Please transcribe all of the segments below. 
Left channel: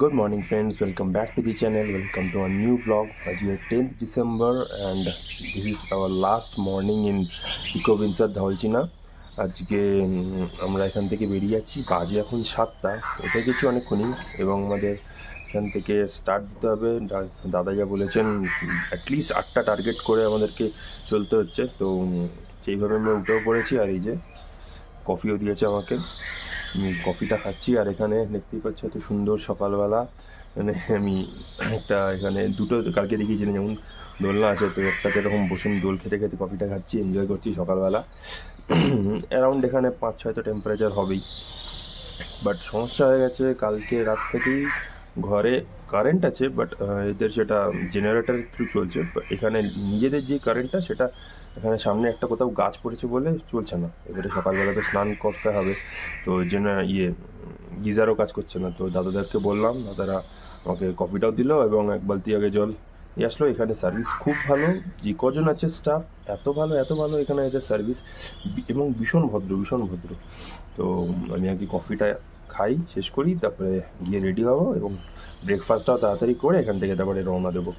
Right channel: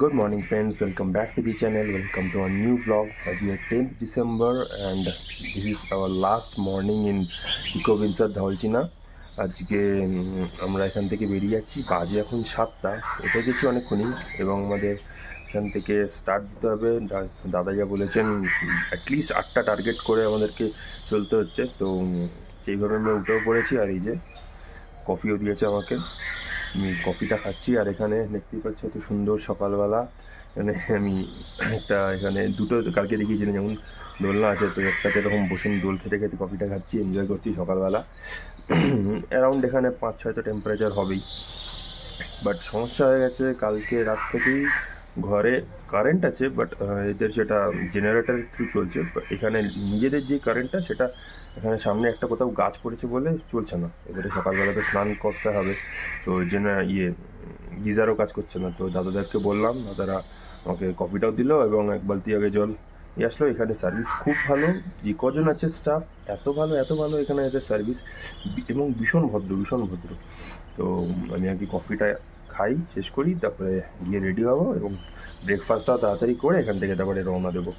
Good morning friends, welcome back to the channel, welcome to a new vlog. Today is 10th December and this is our last morning in Eco Windsor Dhaulchina. আজকে আমরা এখান থেকে বেরিয়ে যাচ্ছি, বাজে এখন 7টা, উঠে গেছি অনেকক্ষণই এবং আমাদের এখান থেকে স্টার্ট দিতে হবে। দাদা যা বলেছেন অ্যাটলিস্ট 8টা টার্গেট করে আমাদেরকে চলতে হচ্ছে, তো সেইভাবে আমরা উঠেও পড়েছি। আর এই যে কফিও দিয়েছে আমাকে, আমি কফিটা খাচ্ছি। আর এখানে দেখতেই পাচ্ছ এত সুন্দর সকালবেলা, মানে আমি একটা এখানে দুটো কালকে দেখিয়েছিলাম যেমন দোলনা আছে, তো একটাতে এরকম বসে দোল খেতে খেতে কফিটা খাচ্ছি, এনজয় করছি সকালবেলা। অ্যারাউন্ড এখানে 5-6 তো টেম্পারেচার হবেই, বাট সমস্যা হয়ে গেছে কালকে রাত থেকেই ঘরে কারেন্ট আছে, বাট এদের সেটা জেনারেটারের থ্রু চলছে। এখানে নিজেদের যে কারেন্টটা সেটা এখানে সামনে একটা কোথাও গাছ পড়েছে বলে চলছে না। এবারে সকালবেলা তো স্নান করতে হবে, তো গিজারও কাজ করছে না। তো দাদাদেরকে বললাম, দাদারা আমাকে কফিটাও দিল এবং এক বালতি আগে জল নিয়ে আসলো। এখানে সার্ভিস খুব ভালো, যে কজন আছে স্টাফ এত ভালো এখানে এদের সার্ভিস, এবং ভীষণ ভদ্র। তো আমি আগে কফিটা খাই, শেষ করি, তারপরে গিয়ে রেডি হবো এবং ব্রেকফাস্টটাও তাড়াতাড়ি করে এখান থেকে তারপরে রওনা দেবো।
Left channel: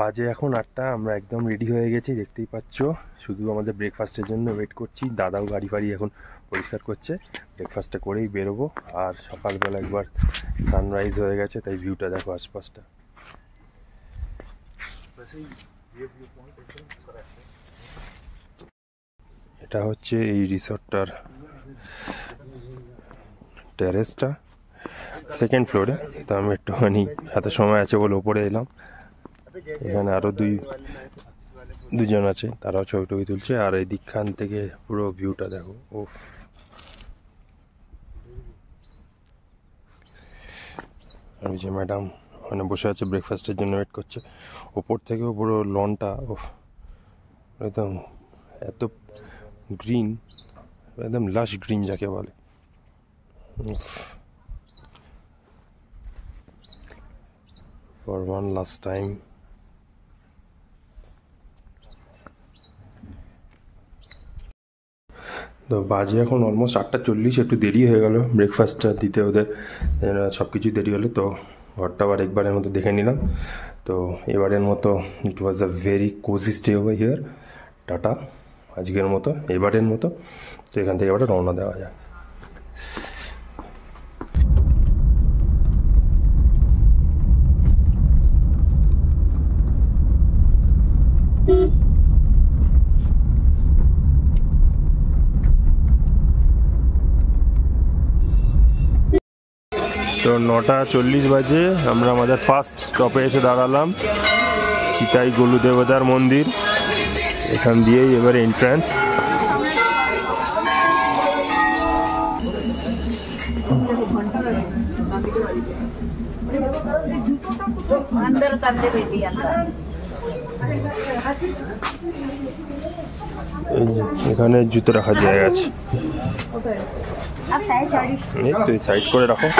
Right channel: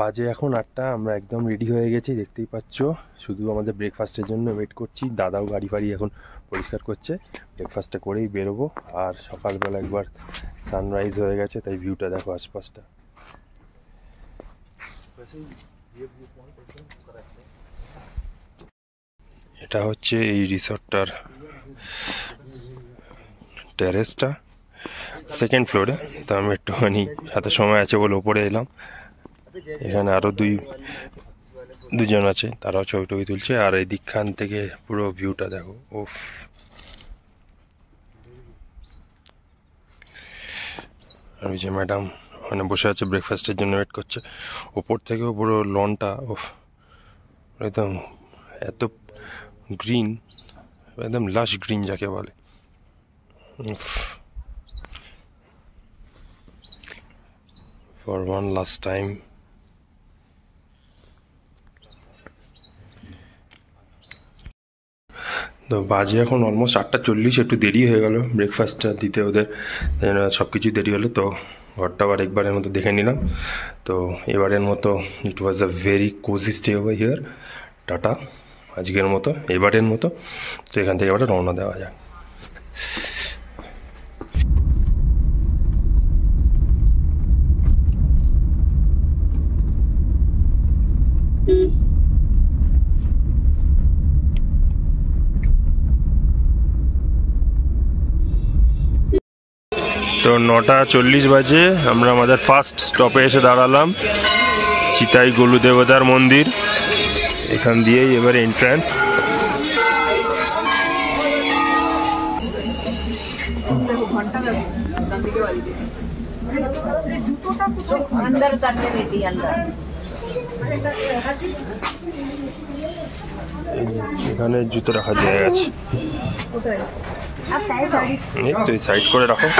বাজে এখন 8টা, আমরা একদম রেডি হয়ে গেছি, দেখতেই পাচ্ছ। শুধু আমাদের ব্রেকফাস্টের জন্য ওয়েট করছি। দাদাও গাড়ি ফাড়ি এখন পরিষ্কার করছে, ব্রেকফাস্টটা করেই বেরোবো। আর সকালবেলা একবার সানরাইজ হয়ে গেছে, তাই ভিউটা দেখো আশপাশটা। এটা হচ্ছে এই রিসর্টটার টেরেসটা, সেকেন্ড ফ্লোরে। তো আমি একটুখানি হাতে সময় আছে বলে ওপরে এলাম। এখানে আরও দুজন আছে, তারাও ছবি টবি তুলছে। আর এই দিকখান থেকে পুরো ভিউটা দেখো, ওফ। আর ওই যে ম্যাডাম ওখানে বসে আছে, ব্রেকফাস্টের জন্য ওয়েট করছে। ওপর থেকেও পুরো লনটা, ওফ, একদম এত গ্রিন, একদম লাশ গ্রিন যাকে বলে। For one last time. তো বাজে এখন অলমোস্ট 8:40, একটু দেরি হয়ে গেল ব্রেকফাস্টটা দিতে ওদের, সব কিছু দেরি হলো। তো ঘরটা আবার একবারের মতো দেখে নিলাম। তো এবারের মতো it was a very cozy stay over here. Tata আজকের মতো, এবারের মতো। তো এখান থেকে এবারে রওনা দেওয়া যাক। তো 9:40 বাজে আমরা আমাদের ফার্স্ট স্টপে এসে দাঁড়ালাম, চিতাই গোলু দেবতার মন্দির। এখান দিয়েই এবারে এন্ট্রান্স। এখানে জুতো রাখার জায়গা আছে, তো সাইড করে রাখো।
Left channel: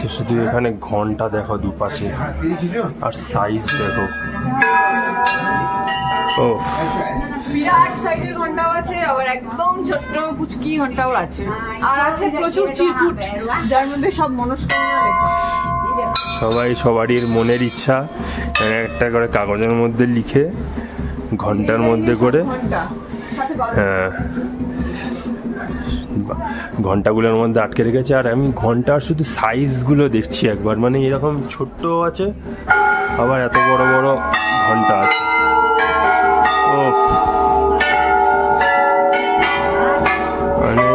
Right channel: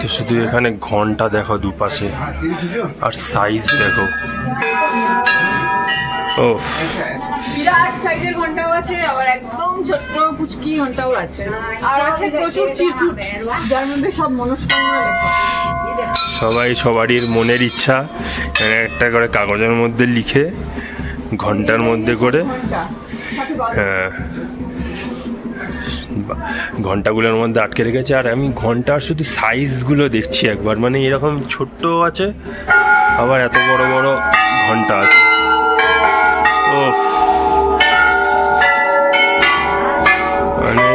তো শুধু এখানে ঘন্টা দেখো দুপাশে, আর সাইজ দেখো, ও বিরাট সাইজের ঘন্টাও আছে, আবার একদম ছোট্ট পুচকি ঘন্টাও আছে, আর আছে প্রচুর চিরকুট যার মধ্যে সব মনস্কামনা লেখা। সবাই সবারই মনের ইচ্ছা একটা করে কাগজের মধ্যে লিখে ঘন্টার মধ্যে করে, হ্যাঁ, ঘন্টাগুলোর মধ্যে আটকে রেখেছে। আর আমি ঘন্টার শুধু সাইজগুলো দেখছি একবার, মানে এরকম ছোট্ট আছে, আবার এত বড় বড় ঘন্টা আছে। ও মানে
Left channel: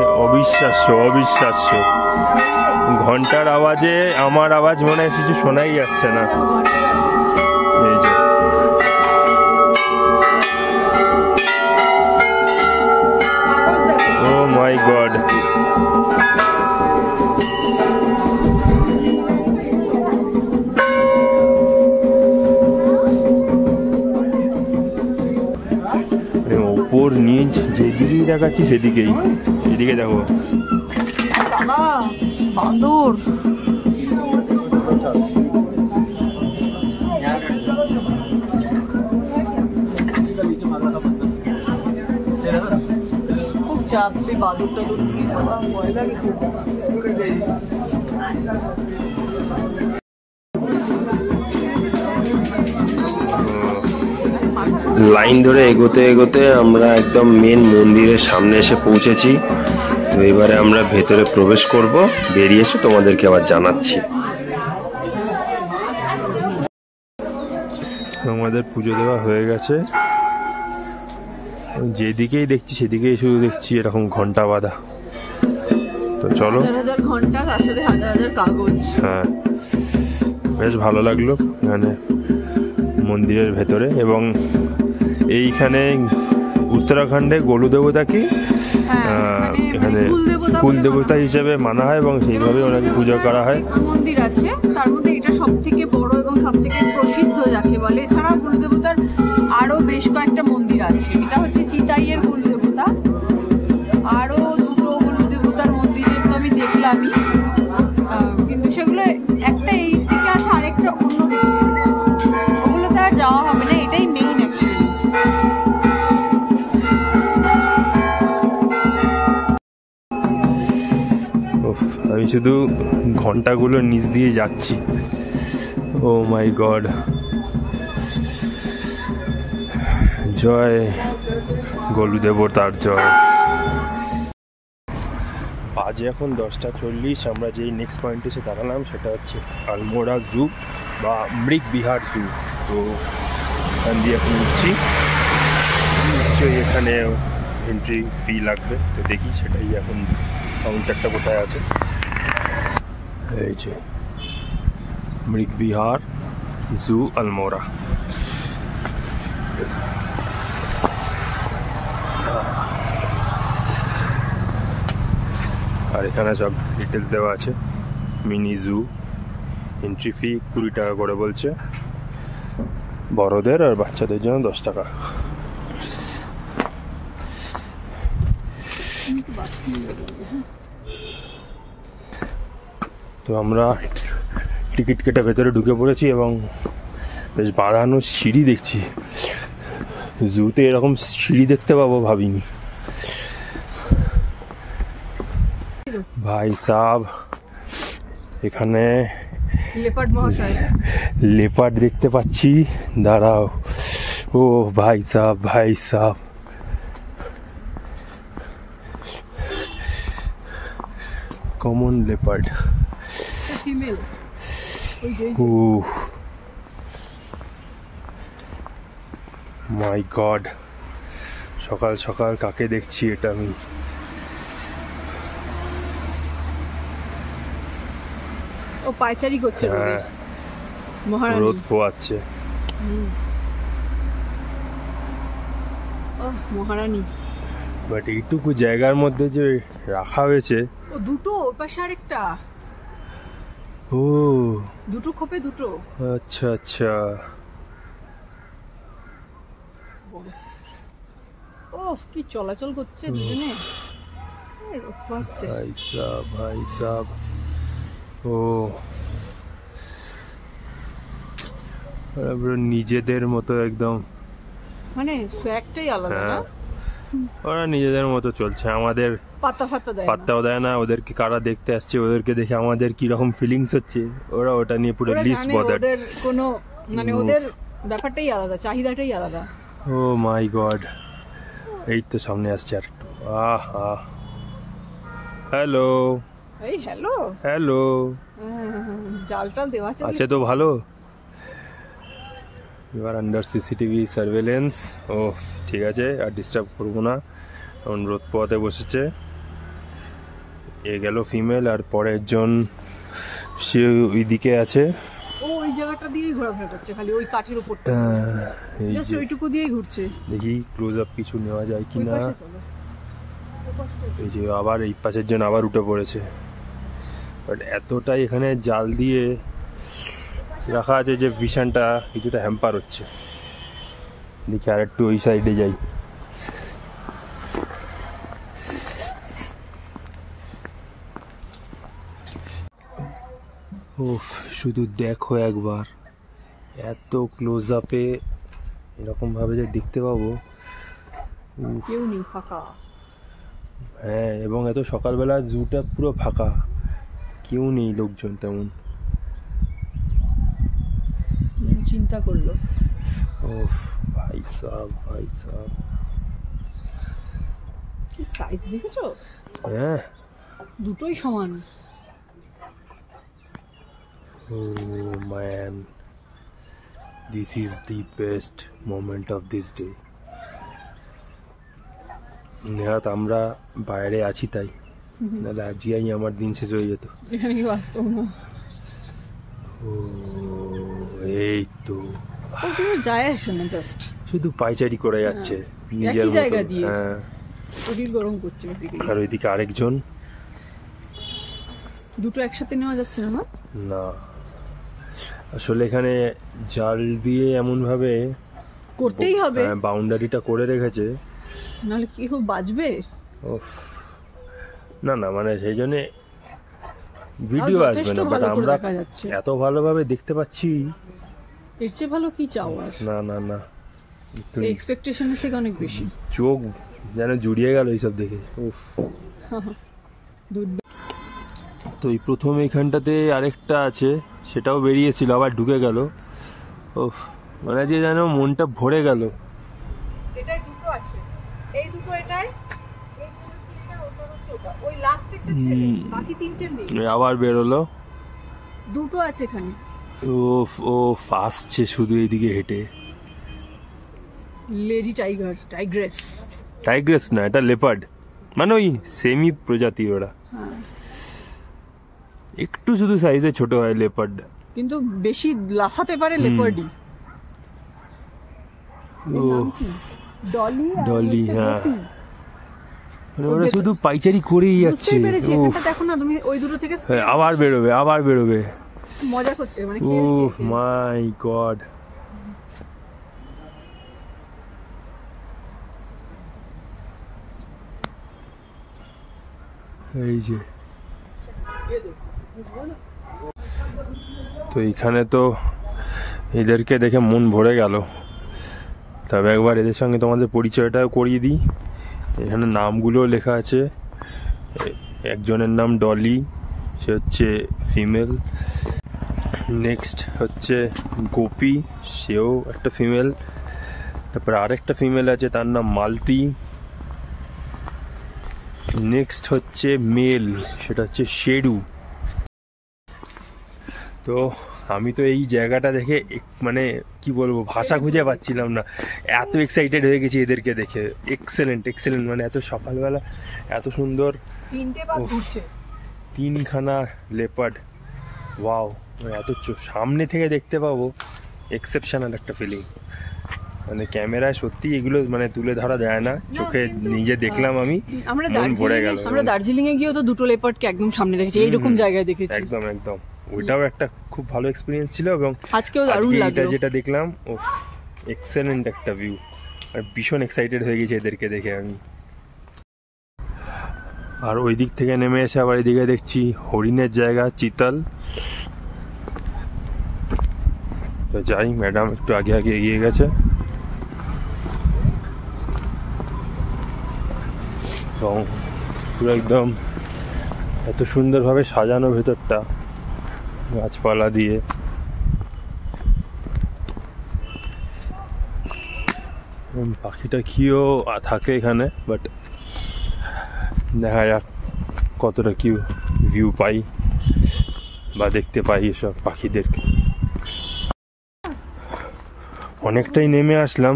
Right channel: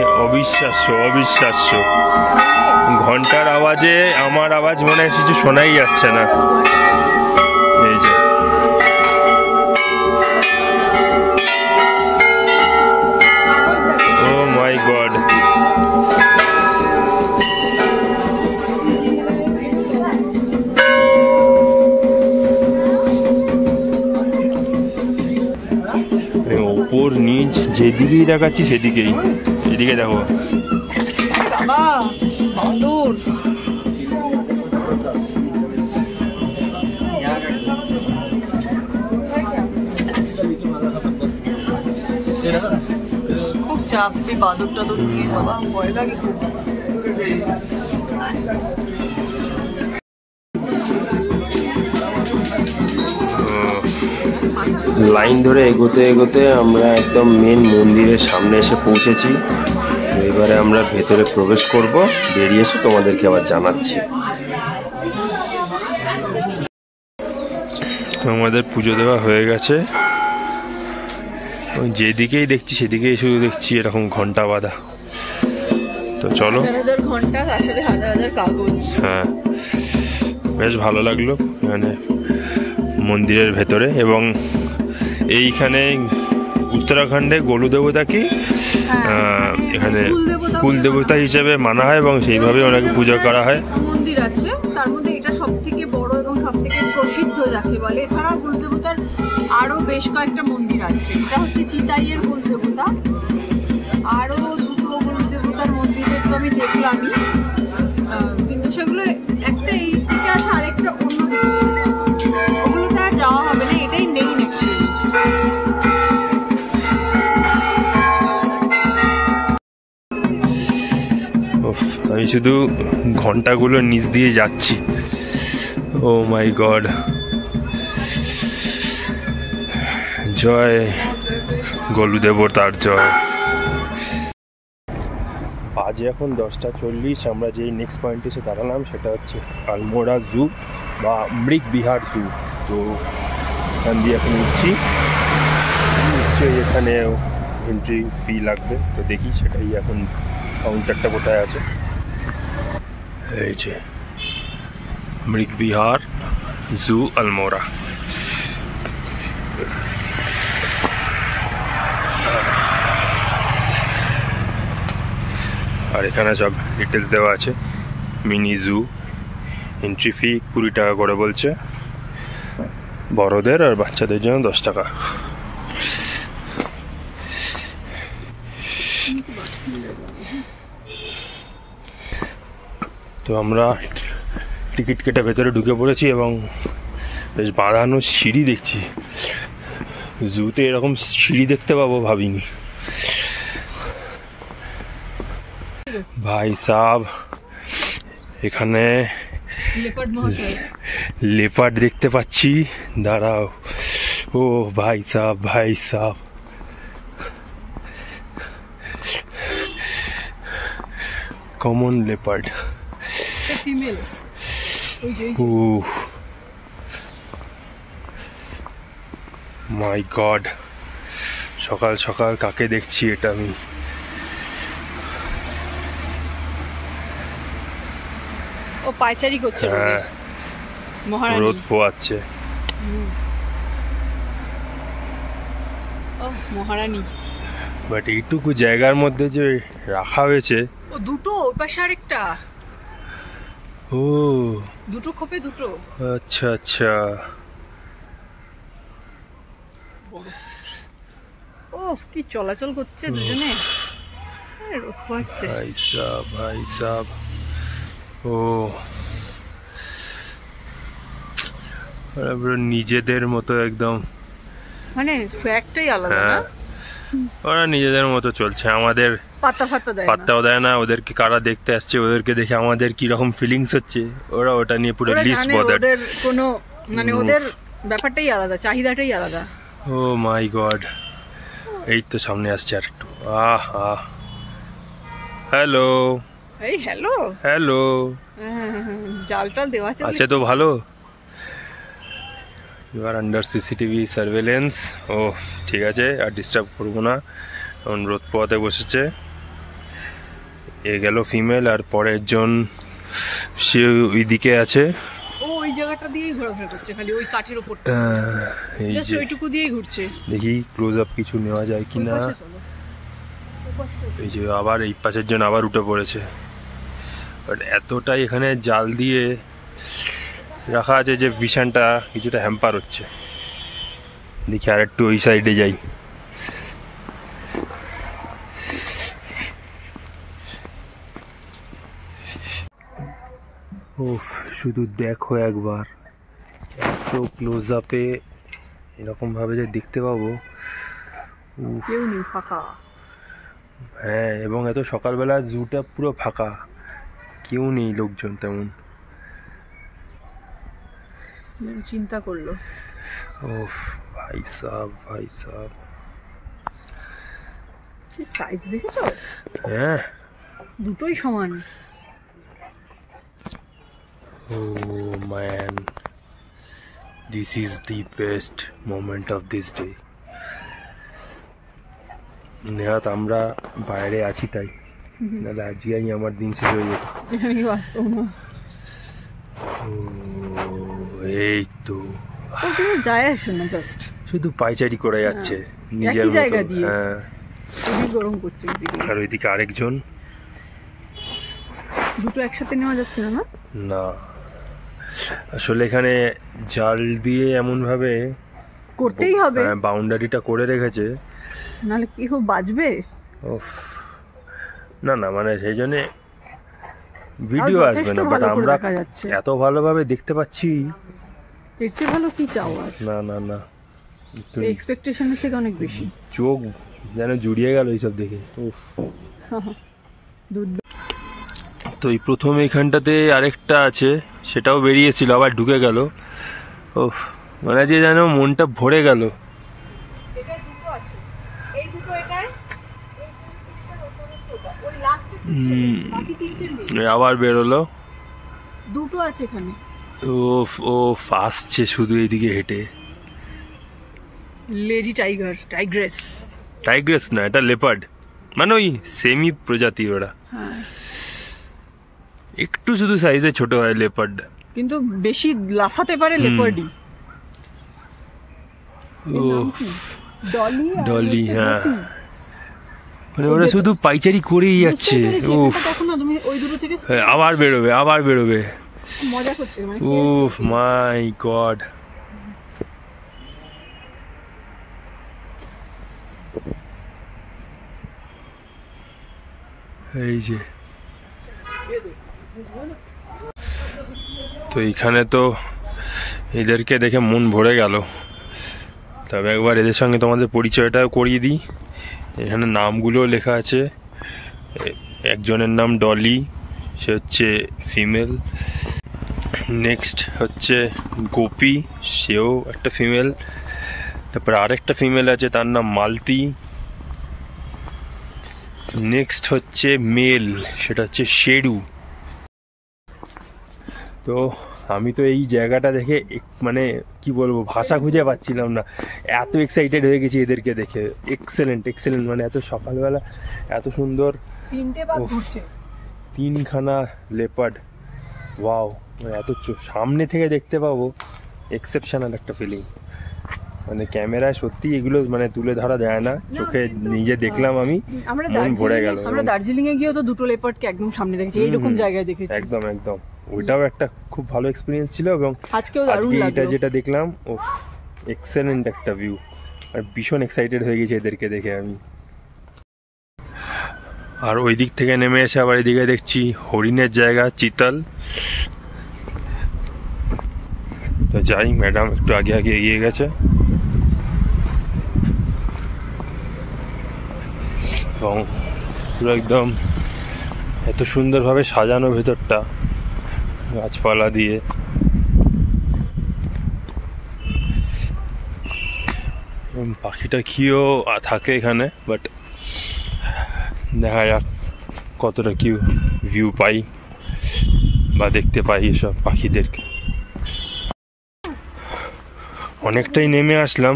অবিশ্বাস্য। ঘন্টার আওয়াজে আমার আওয়াজ মনে হয় কিছু শোনাই যাচ্ছে না। এই যে ও মাই গড, ওপর নিচ যেদিকেই দেখাচ্ছি সেদিকেই। এদিকে দেখো বান্দর, চাপবে বাদুর টাদুর নিয়ে, বাবা ভয় লাগে খুব। লাইন ধরে এগোতে এগোতে আমরা একদম মেন মন্দিরের সামনে এসে পৌঁছেছি। তো এবারে আমরা ভেতরে প্রবেশ করব, বেরিয়ে এসে তোমাদেরকে আবার জানাচ্ছি। আমাদের পুজো দেওয়া হয়ে গেছে। যেদিকেই দেখছি সেদিকেই শুধু দেখছি এরকম ঘন্টা বাঁধা। তো চলো। হ্যাঁ, বেশ ভালো লাগলো এখানে মন্দিরের ভেতরে। এবং এইখানে উত্তরাখণ্ডে গোলু দেবতা কি এখানে কুল দেবতা হিসেবে মানা হয় এবং সেইভাবে ওনাকে পুজো করা হয়। মন্দির আছে, তার মধ্যে এটা সবথেকে বড় এবং সবথেকে প্রসিদ্ধ যাকে বলে। এছাড়াও কুল দেবতার আরো বেশ কয়েকটা মন্দির আছে। এটা হচ্ছে চিতাইয়ের কুল দেবতা, আরো দুটো কুল দেবতার মন্দিরে তো আমি দেখলামই, কিন্তু সেগুলো একটা এই দিকে আছে, আরেকটা অন্য দিকে। ওগুলোতে আর যাওয়া হবে না, এটাই মেইন অ্যাকচুয়ালি। আমি শুধু ঘন্টাগুলোর নিচ দিয়ে যাচ্ছি। ও মাই গড, জয় গোলু দেবতার জয়। বাজে এখন 10:40। আমরা যেই নেক্সট পয়েন্টে এসে দাঁড়ালাম সেটা হচ্ছে আলমোড়া জু বা মৃগ বিহার জু। তো এখান দিয়ে এখন উঠছি, নিশ্চয়ই এখানে এন্ট্রি ফি লাগবে। তো দেখি সেটাই, এখন কাউন্টারটা কোথায় আছে। এই যে মৃগ বিহার জু আলমোড়া। আর এখানে সব ডিটেলস দেওয়া আছে। মিনি জু, এন্ট্রি ফি 20 টাকা করে বলছে, বড়দের আর বাচ্চাদের জন্য 10 টাকা। তো আমরা টিকিট কেটে ভেতরে ঢুকে পড়েছি এবং বেশ বাঁধানো সিঁড়ি দেখছি। জুতে এরকম সিঁড়ি দেখতে পাবো ভাবিনি। ভাই সাব, এখানে লেপার্ড দেখতে পাচ্ছি। দাঁড়াও, ও ভাই সাব, ভাই সাব, কমন লেপার্ড। মাই গড, সকাল সকাল কাকে দেখছি এটা আমি? ও পায়চারি করছে, হ্যাঁ, রোদ পোয়াচ্ছে। ও মহারানী। বাট এইটুকু জায়গার মধ্যে যে রাখা হয়েছে। ও দুটো, ওই পাশে আরেকটা। ও দুটো খোপে দুটো। আচ্ছা আচ্ছা। ও কি চলাচল করছে দুজনে। ভাই সাব, ভাই সাব। ও নিজেদের মতো একদম, মানে সোয়াগটাই আলাদা। হ্যাঁ, ওরা নিজেদের মতো চলছে। আমাদের পাত্তাও দেয় না। ওদেরকে কারা দেখতে আসছে, ওদেরকে দেখে আমাদের কি রকম ফিলিংস হচ্ছে, ওরা ওটা নিয়ে পুরো লিস্ট বদার। ওদের কোনো মানে ওদের ব্যাপারটাই আলাদা, চাহিদাটাই আলাদা। ও মাই গড, এই তো সামনে আসছে আর একটু। আহা, হ্যালো, এই হ্যালো হ্যালো। জালটা দেওয়া আছে তো ভালো। You are under CCTV surveillance. ও ঠিক আছে, আর ডিস্টার্ব করবো না। এখন রোদ পোয়াতে বসেছে। এ গেল ফিমেল, আর পরের জন সে ওই দিকে আছে। ও ওই জায়গাটা দিয়েই ঘোরাফেরা করছে, খালি ওই কাঠের উপর, এই জাস্ট যে ওইটুকু দিয়েই ঘুরছে। দেখি ক্লোজ আপ কিছু নেওয়া যায় কিনা। এই যে আবার এই পাশের জন আবার উঠে পড়েছে। বাট এতটাই এখানে জাল দিয়ে রাখা আছে যে ভিশনটা কিছুটা হ্যাম্পার হচ্ছে। দেখি আর একটু ওই সাইডে যাই। ওফ, শুধু দেখো একবার, এত ক্লোজ আপে এরকম ভাবে যে দেখতে পাবো। কেউ নেই, ফাঁকা। হ্যাঁ, এবং এত সকালবেলা জুটা পুরো ফাঁকা, কেউ নেই, লোকজন তেমন। চিন্তা করলো। ওফ ভাই সাব, ভাই সাব, সাইজ দেখেছো? হ্যাঁ, দুটোই সমান। Oh man, this is the best moment of this day. নেহাত আমরা বাইরে আছি তাই, নাহলে আজকেই আমার দিন শেষ হয়ে যেত। এই তো যায় আসে না, জাস্ট শুধু পাইচারি করে যাচ্ছে নিজের মতো। হ্যাঁ, গরম করছে। আর ওইদিকে আরেকজন। দুটো একসাথে নেওয়া যাচ্ছে না। না, আসলে এখানে জাল দিয়ে এমন ভাবে করতেই হবে, বাউন্ডারিটা করে রেখেছে, নাহলে কি খুব বাজবে। না না, মানে সেই জন্য ভিডিও আসবে না, বাট আমরা এত ভালোভাবে দেখতে পাচ্ছি। এর চেয়ে ভালো কি চাও? না না না, এক্সপেকটেশনের থেকে অনেক বেশি। চোখ যেন জুড়িয়ে গেল এইসব দেখে। তো এই প্রথম এইখানটাতে আরেকটা আছে, সেটাও বেরিয়েছিল, আবার ঢুকে গেল। ওফ, মানে যে যেন মনটা ভরে গেল। আবার বেরোলো। দুটো আছে এখানে। ওফ ওফ, আসছে শুধু এইদিকে হেঁটে। Lady tiger, Tigress. টাইগ্রেস না, এটা লেপার্ড, মানে ওই সেমি প্রজাতি ওরা। একটু শুধু সাইজে ছোট হয় লেপার্ড, কিন্তু বেশি লাফাতে পারে লেপার্ডই। ও ডলি, হ্যাঁ, মানে ওরা শুধু পাইচারি করেই যাচ্ছে। উফ, আবার বেরোবে, আবার বেরোবে। মজা করছে। উফ মাই গড। এই যে, তো এইখানে তো এদেরকে দেখে মন ভরে গেল। তবে একবার এদের সঙ্গে তোমাদের পরিচয়টাও করিয়ে দিই। এখানে নামগুলো লেখা আছে। একজনের নাম ডলি, সে হচ্ছে ফিমেল। নেক্সট হচ্ছে গোপী, সেও একটা ফিমেল। তারপরে আরেকটা ফিমেল আছে, তার নাম মালতী। নেক্সট হচ্ছে মেল, সেটা হচ্ছে শেরু। তো আমি তো এই জায়গাটা দেখে মানে কি বলবো, ভাষা খুঁজে পাচ্ছিলাম না, এত এক্সাইটেড হয়ে গেছি এদেরকে দেখে। এক্সেলেন্ট এক্সেলেন্ট, মানে এত সকালবেলা এত সুন্দর। তিনখানা লেপার্ড, ওয়াও, মানে এত সামনে থেকে দেখতে পাবো, এক্সেপশনাল একটা ফিলিং। মানে ক্যামেরায় সত্যি এগুলো মানে তুলে ধরা যায় না, চোখে নিজে দেখলাম আমি, মন ভরে গেল। আমরা দার্জিলিং এ গিয়েও তো দুটো লেপার্ডকে একদম সামনে দেখেছি, এইরকম জায়গায় দেখেছি। একদম একদম, ওইটাও একটা খুব ভালো এক্সপিরিয়েন্স ছিল। এবং আজকে এটা যেটা দেখলাম, ও এক্সেলেন্ট একটা ভিউ, আর ভীষণ এক্সাইটেড হয়ে গেছে এদেরকে দেখে আমি। আর ওই দিক থেকে নেমে এসে আবার এদিকে দেখছি হরিণের জায়গা, চিতাল। তো যাই, ম্যাডাম একটু আগে আগে এগিয়ে গেছে। এবং পুরো একদম এত সুন্দরভাবে সাজানো ভেতরটা গাছপালা দিয়ে। পাখিটা কিও থাকে এখানে, বাট দেখা যাক কতটা কি ভিউ পাই বা দেখতে পাই এসব পাখিদেরকে। অনেকটাই নেমে আসলাম,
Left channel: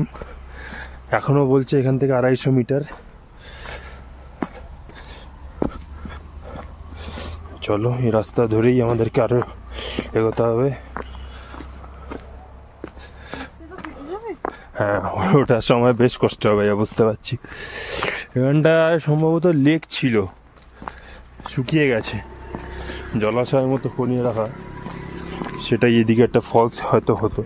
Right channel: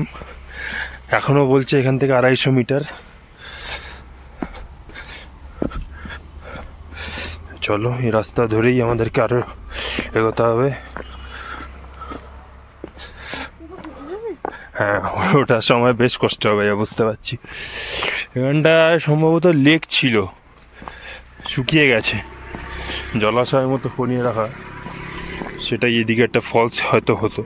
এখনো বলছে এখান থেকে 250 মিটার। চলো, এই রাস্তা ধরেই আমাদেরকে আরো এগোতে হবে। হ্যাঁ, ওটার সময় বেশ কষ্ট হবে, বুঝতে পারছি। এখানটা সম্ভবত লেক ছিল, শুকিয়ে গেছে, জলাশয়ের মতো করিয়ে রাখা, সেটাই এদিকে একটা ফলস হয়তো হতো।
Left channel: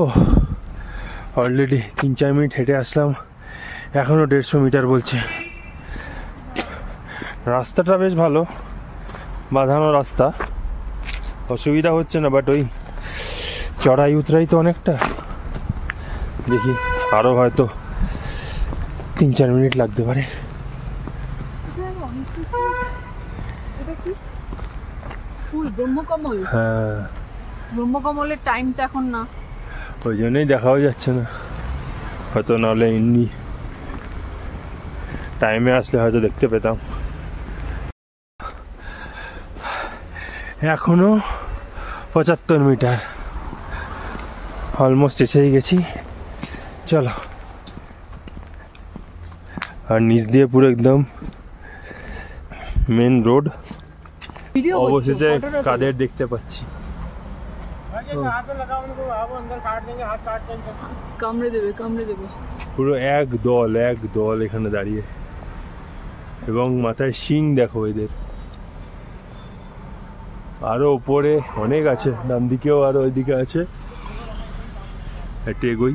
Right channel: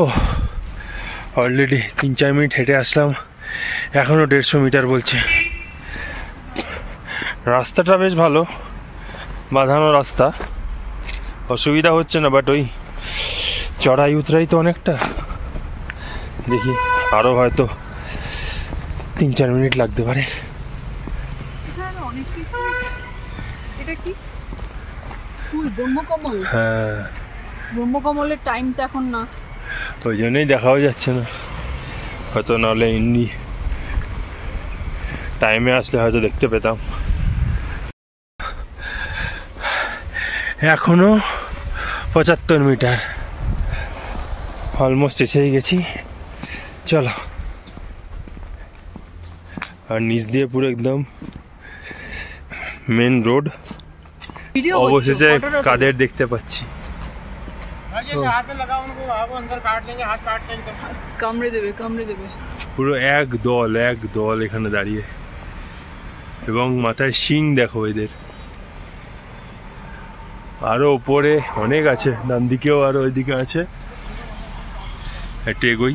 ও অলরেডি 3-4 মিনিট হেঁটে আসলাম, এখনও 150 মিটার বলছে। রাস্তাটা বেশ ভালো, বাঁধানো রাস্তা, অসুবিধা হচ্ছে না, বাট ওই চড়াই উতরাই তো অনেকটা। দেখি আরও হয়তো 3-4 মিনিট লাগতে পারে। হ্যাঁ, ব্রহ্মকমলের টাইমটা এখন না, ওই জন্যই দেখাও যাচ্ছে না হয়তো, নাহলে এমনি টাইমে আসলে হয়তো দেখতে পেতাম। এখনো 75 মিটার, অলমোস্ট এসেই গেছি। চলো, আর নিচ দিয়ে পুরো একদম মেন রোড। অবশেষে কাদের দেখতে পাচ্ছি। কামড়ে দেবে, কামড়ে দেবে। পুরো এক দল এখানে দাঁড়িয়ে, এবং মাথায় শিং দেখো এদের। আরো উপরে অনেক আছে, ডান দিকেও আরো ওইদিকে আছে। একটু এগোই।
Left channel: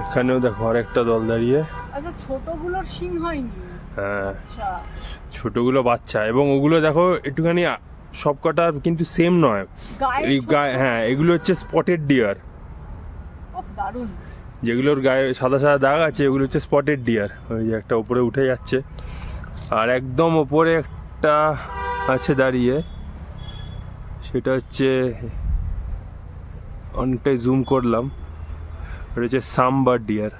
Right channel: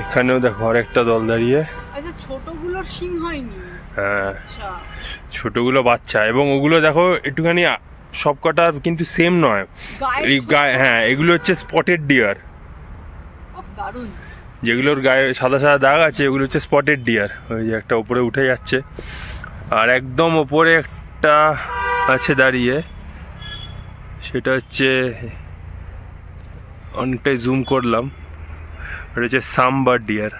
এখানেও দেখো আর একটা দল দাঁড়িয়ে। আচ্ছা, ছোটগুলোর শিং হয়নি? হ্যাঁ, ছোটগুলো বাচ্চা, এবং ওগুলো দেখো একটুখানি সবকটা কিন্তু সেম নয়। হ্যাঁ, এগুলো হচ্ছে স্পটেড ডিয়ার। যেগুলোর গায়ে সাদা সাদা দাগ আছে ওগুলো হচ্ছে স্পটেড ডিয়ার। ওই যে একটা উপরে উঠে যাচ্ছে, আর একদম ওপরে একটা আছে দাঁড়িয়ে, সেটা হচ্ছে অনেকটাই জুম করলাম, এটা হচ্ছে সামবার ডিয়ার।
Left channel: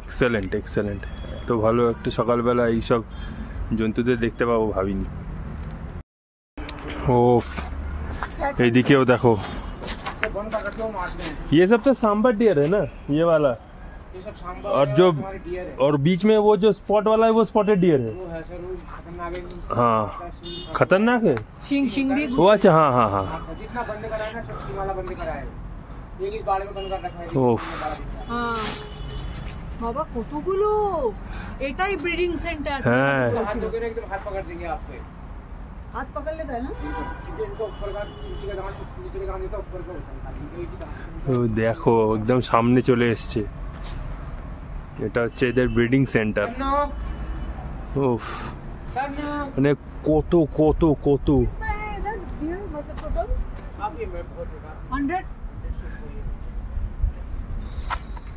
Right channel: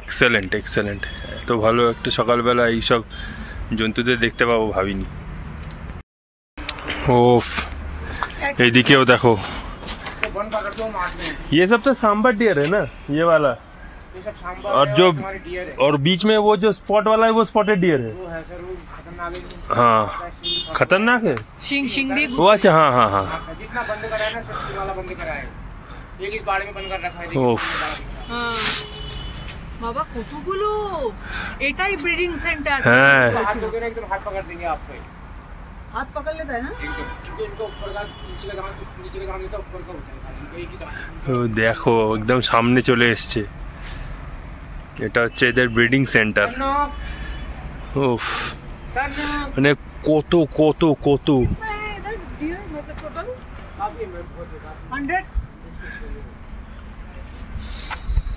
এক্সেলেন্ট এক্সেলেন্ট, এত ভালো একটা সকালবেলা এইসব জন্তুদের দেখতে পাবো ভাবিনি। ওফ, এইদিকেও দেখো, ये सब तो सांबर डियर है ना, ये वाला, और जो और बीच में वो जो स्पॉट वाला है वो स्पॉटेड डियर है। हाँ, खतरनाक है। शिंग शिंग दी वो, अच्छा, हाँ हाँ हाँ। जितना बंद कराया ना सब वाला बंद कराया, एक इस बाड़ में बंद कर रखा है। ओफ, हाँ बाबा, কতগুলো। এটাই ব্রিডিং সেন্টার। হ্যাঁ, एकदम हाथ पकड़ देंगे आपको। हाथ पकड़ लेता है ना, इनको ऊपर का नीचे का नीचे का ऊपर का होता है, इनको एक ही দেখো একদম সামনে চলে এসছে। এটা হচ্ছে এদের ব্রিডিং সেন্টার। ওফ, মানে কত কত কত। इधर डियर मतलब टोटल काफी 100।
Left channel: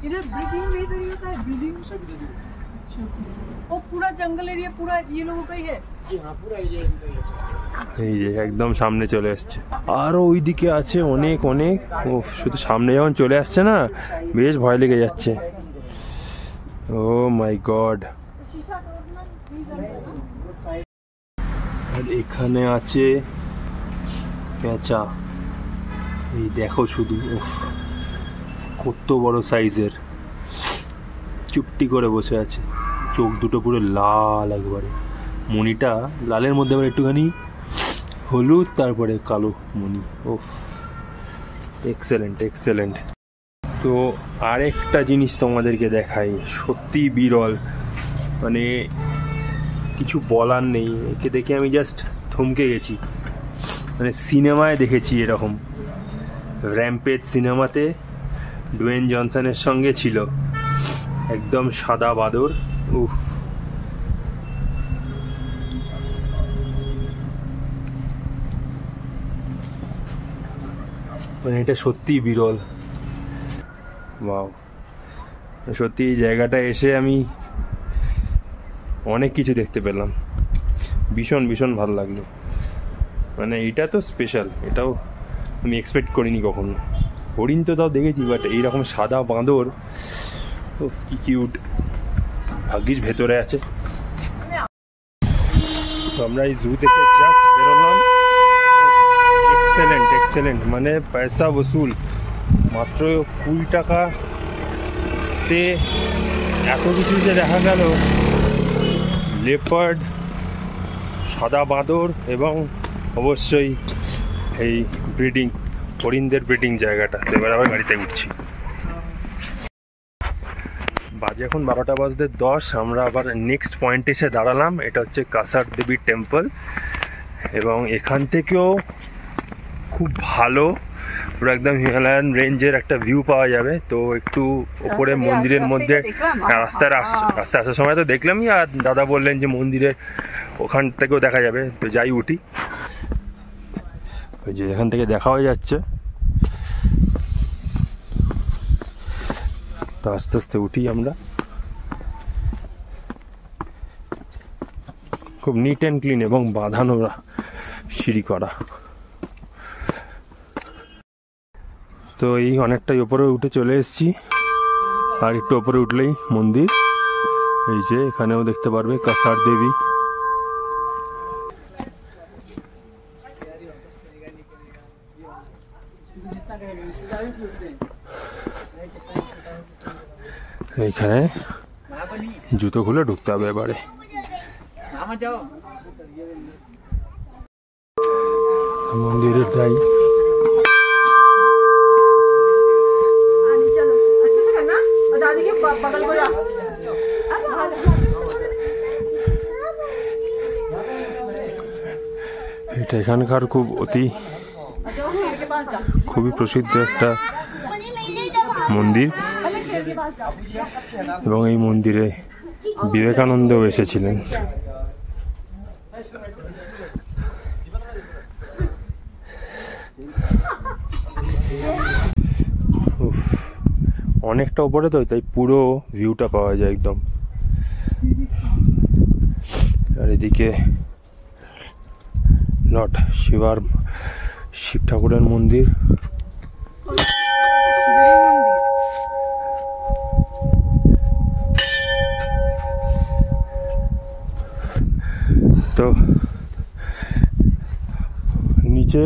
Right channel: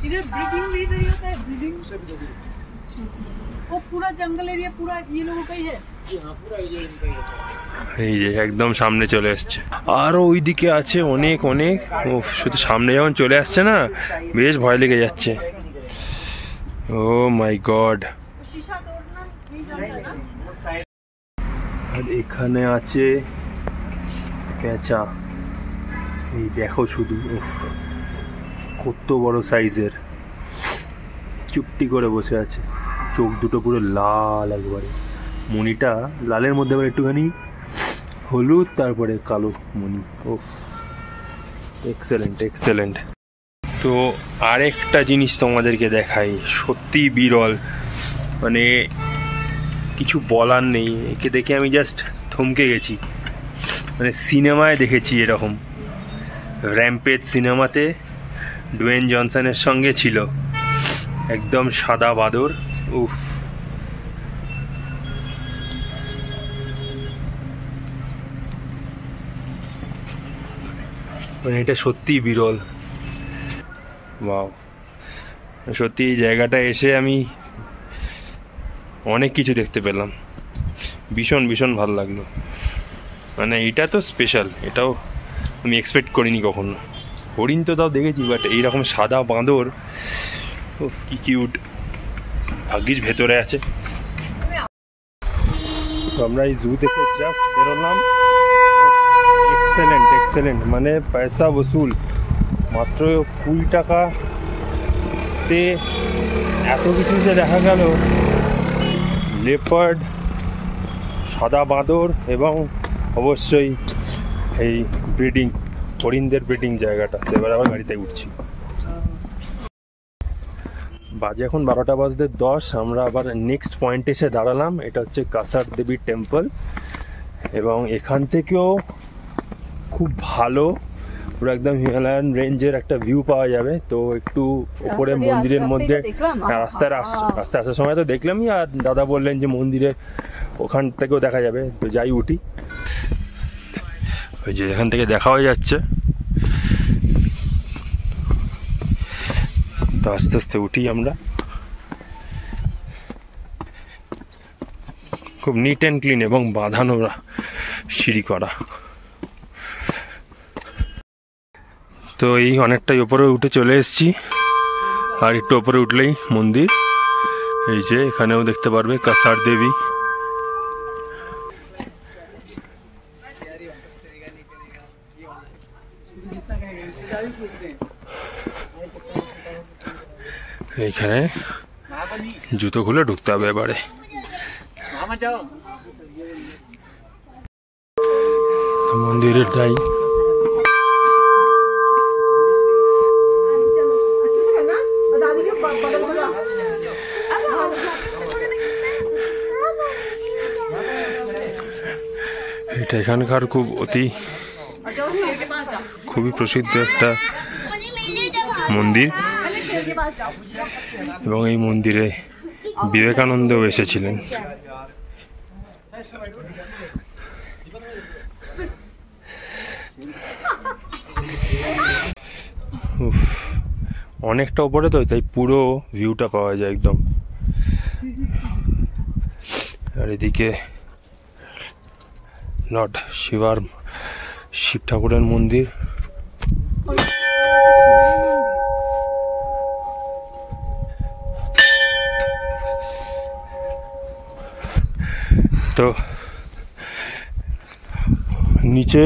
इधर ब्रीडिंग भी इधर ही होता है, ब्रीडिंग सब इधर ही। अच्छा, वो पूरा जंगल एरिया पूरा ये लोगों का ही है? जी हाँ, पूरा एरिया इनका ही है। এই যে একদম সামনে চলে আসছে, আরো ওইদিকে আছে অনেক অনেক। ও, শুধু সামনে যখন চলে আসছে না, বেশ ভয় লেগে যাচ্ছে। ও মাই গড। আর এখানে আছে পেঁচা, এই দেখো শুধু, কত বড় সাইজের, চুপটি করে বসে আছে, চোখ দুটো পুরো লাল একবারে, মণিটা লালের মধ্যে আবার একটুখানি হলুদ, তারপরে কালো মণি। ওফ, এক্সেলেন্ট এক্সেলেন্ট। তো আরেকটা জিনিস তোমাদেরকে দেখাই, সত্যি বিরল, মানে কিছু বলার নেই, একে দেখে আমি জাস্ট থমকে গেছি। মানে সিনেমায় দেখেছি এরকম, র্যাম্পেজ সিনেমাতে ডুয়েন জনসনের সঙ্গে ছিল, একদম সাদা বাদর। উফ, মানে এটা সত্যিই বিরল। ওয়াও, সত্যি এই জায়গাটা এসে আমি অনেক কিছু দেখতে পেলাম, ভীষণ ভীষণ ভালো লাগলো। মানে এটা তো স্পেশাল, এটাও আমি এক্সপেক্ট করিনি কখনো। হরিণ তো তাও দেখেছি, বাট এইরকম সাদা বাঁদর, ও কি কিউট। ভাগ্যিস ভেতরে আছে। তো আমরা এই জু থেকে জাস্ট বেরোলাম। এক্সেলেন্ট এক্সেলেন্ট, মানে পয়সা বসুল। মাত্র 20 টাকাতে এত কিছু যে দেখা গেল, লেপার্ড, সাদা বাঁদর, এবং অবশ্যই এই ব্রিডিং হরিণদের ব্রিডিং জায়গাটা। এবার আবার গাড়িতে উঠছি। বাজে এখন 12টা বাজতে 10। আমরা আবার নেক্সট পয়েন্টে এসে দাঁড়ালাম, এটা হচ্ছে কাসার দেবী টেম্পল, এবং এখান থেকেও খুব ভালো পুরো একদম হিমালয়ান রেঞ্জের একটা ভিউ পাওয়া যাবে। তো একটু ওপরে মন্দিরের মধ্যে রাস্তায় আসার সময় তো দেখলামই, আর দাদা বললেন যে মন্দিরের ওখান থেকেও দেখা যাবে। তো যাই উঠি, ওই যে এখান থেকে দেখা হয়ে যাচ্ছে। তো আস্তে আস্তে উঠি আমরা। খুব নিট অ্যান্ড ক্লিন এবং বাঁধানো সিঁড়ি করা। তো এই অনেকটাই ওপরে উঠে চলে এসেছি, আর একটু ওপরে উঠলেই মন্দির। এই যে এখানেও দেখতে পারবে কাসার দেবী। এইখানে জুতো খুলে ঢুকতে হবে এবারে। মন্দিরের যাই, এটা এখানকার খুবই প্রসিদ্ধ একটা মন্দির, এবং এই মন্দিরে বিবেকানন্দও এসেছিলেন। অনেকটা উপরে তো, তাই পুরো ভিউটা পাওয়া যায় একদম। আর এদিকে লর্ড শিব ঠাকুরের মন্দির। তো নিচে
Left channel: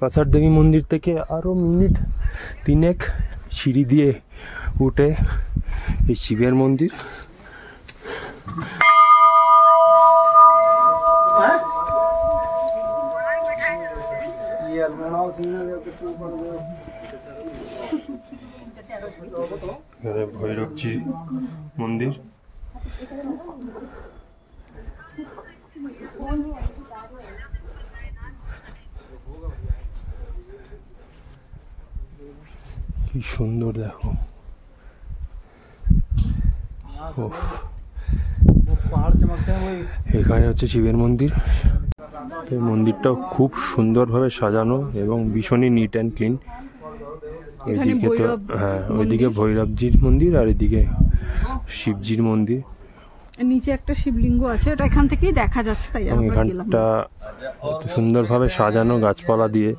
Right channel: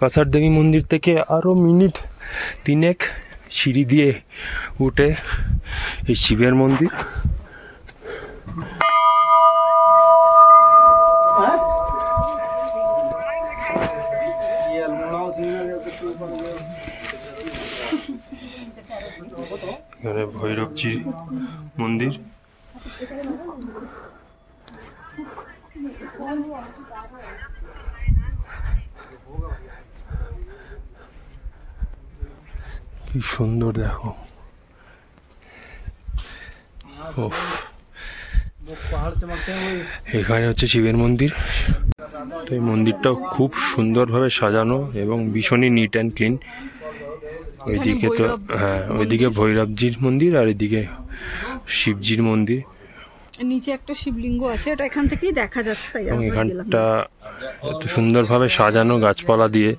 কাসার দেবী মন্দির থেকে আরো মিনিট 3 সিঁড়ি দিয়ে উঠে এই শিবের মন্দির। এখানে ভৈরবজির মন্দির। কি সুন্দর দেখো। এখানে হচ্ছে শিবের মন্দির। তো এই মন্দিরটাও খুব সুন্দরভাবে সাজানো এবং ভীষণই নিট অ্যান্ড ক্লিন। ওইদিকে তো ওইদিকে ভৈরবজির মন্দির, আর এদিকে শিবজির মন্দির। নিচে একটা শিবলিঙ্গ আছে, এটা এখান থেকেই দেখা যাচ্ছে। তাই এবং এখানটা এত সুন্দরভাবে সাজানো গাছপালা দিয়ে।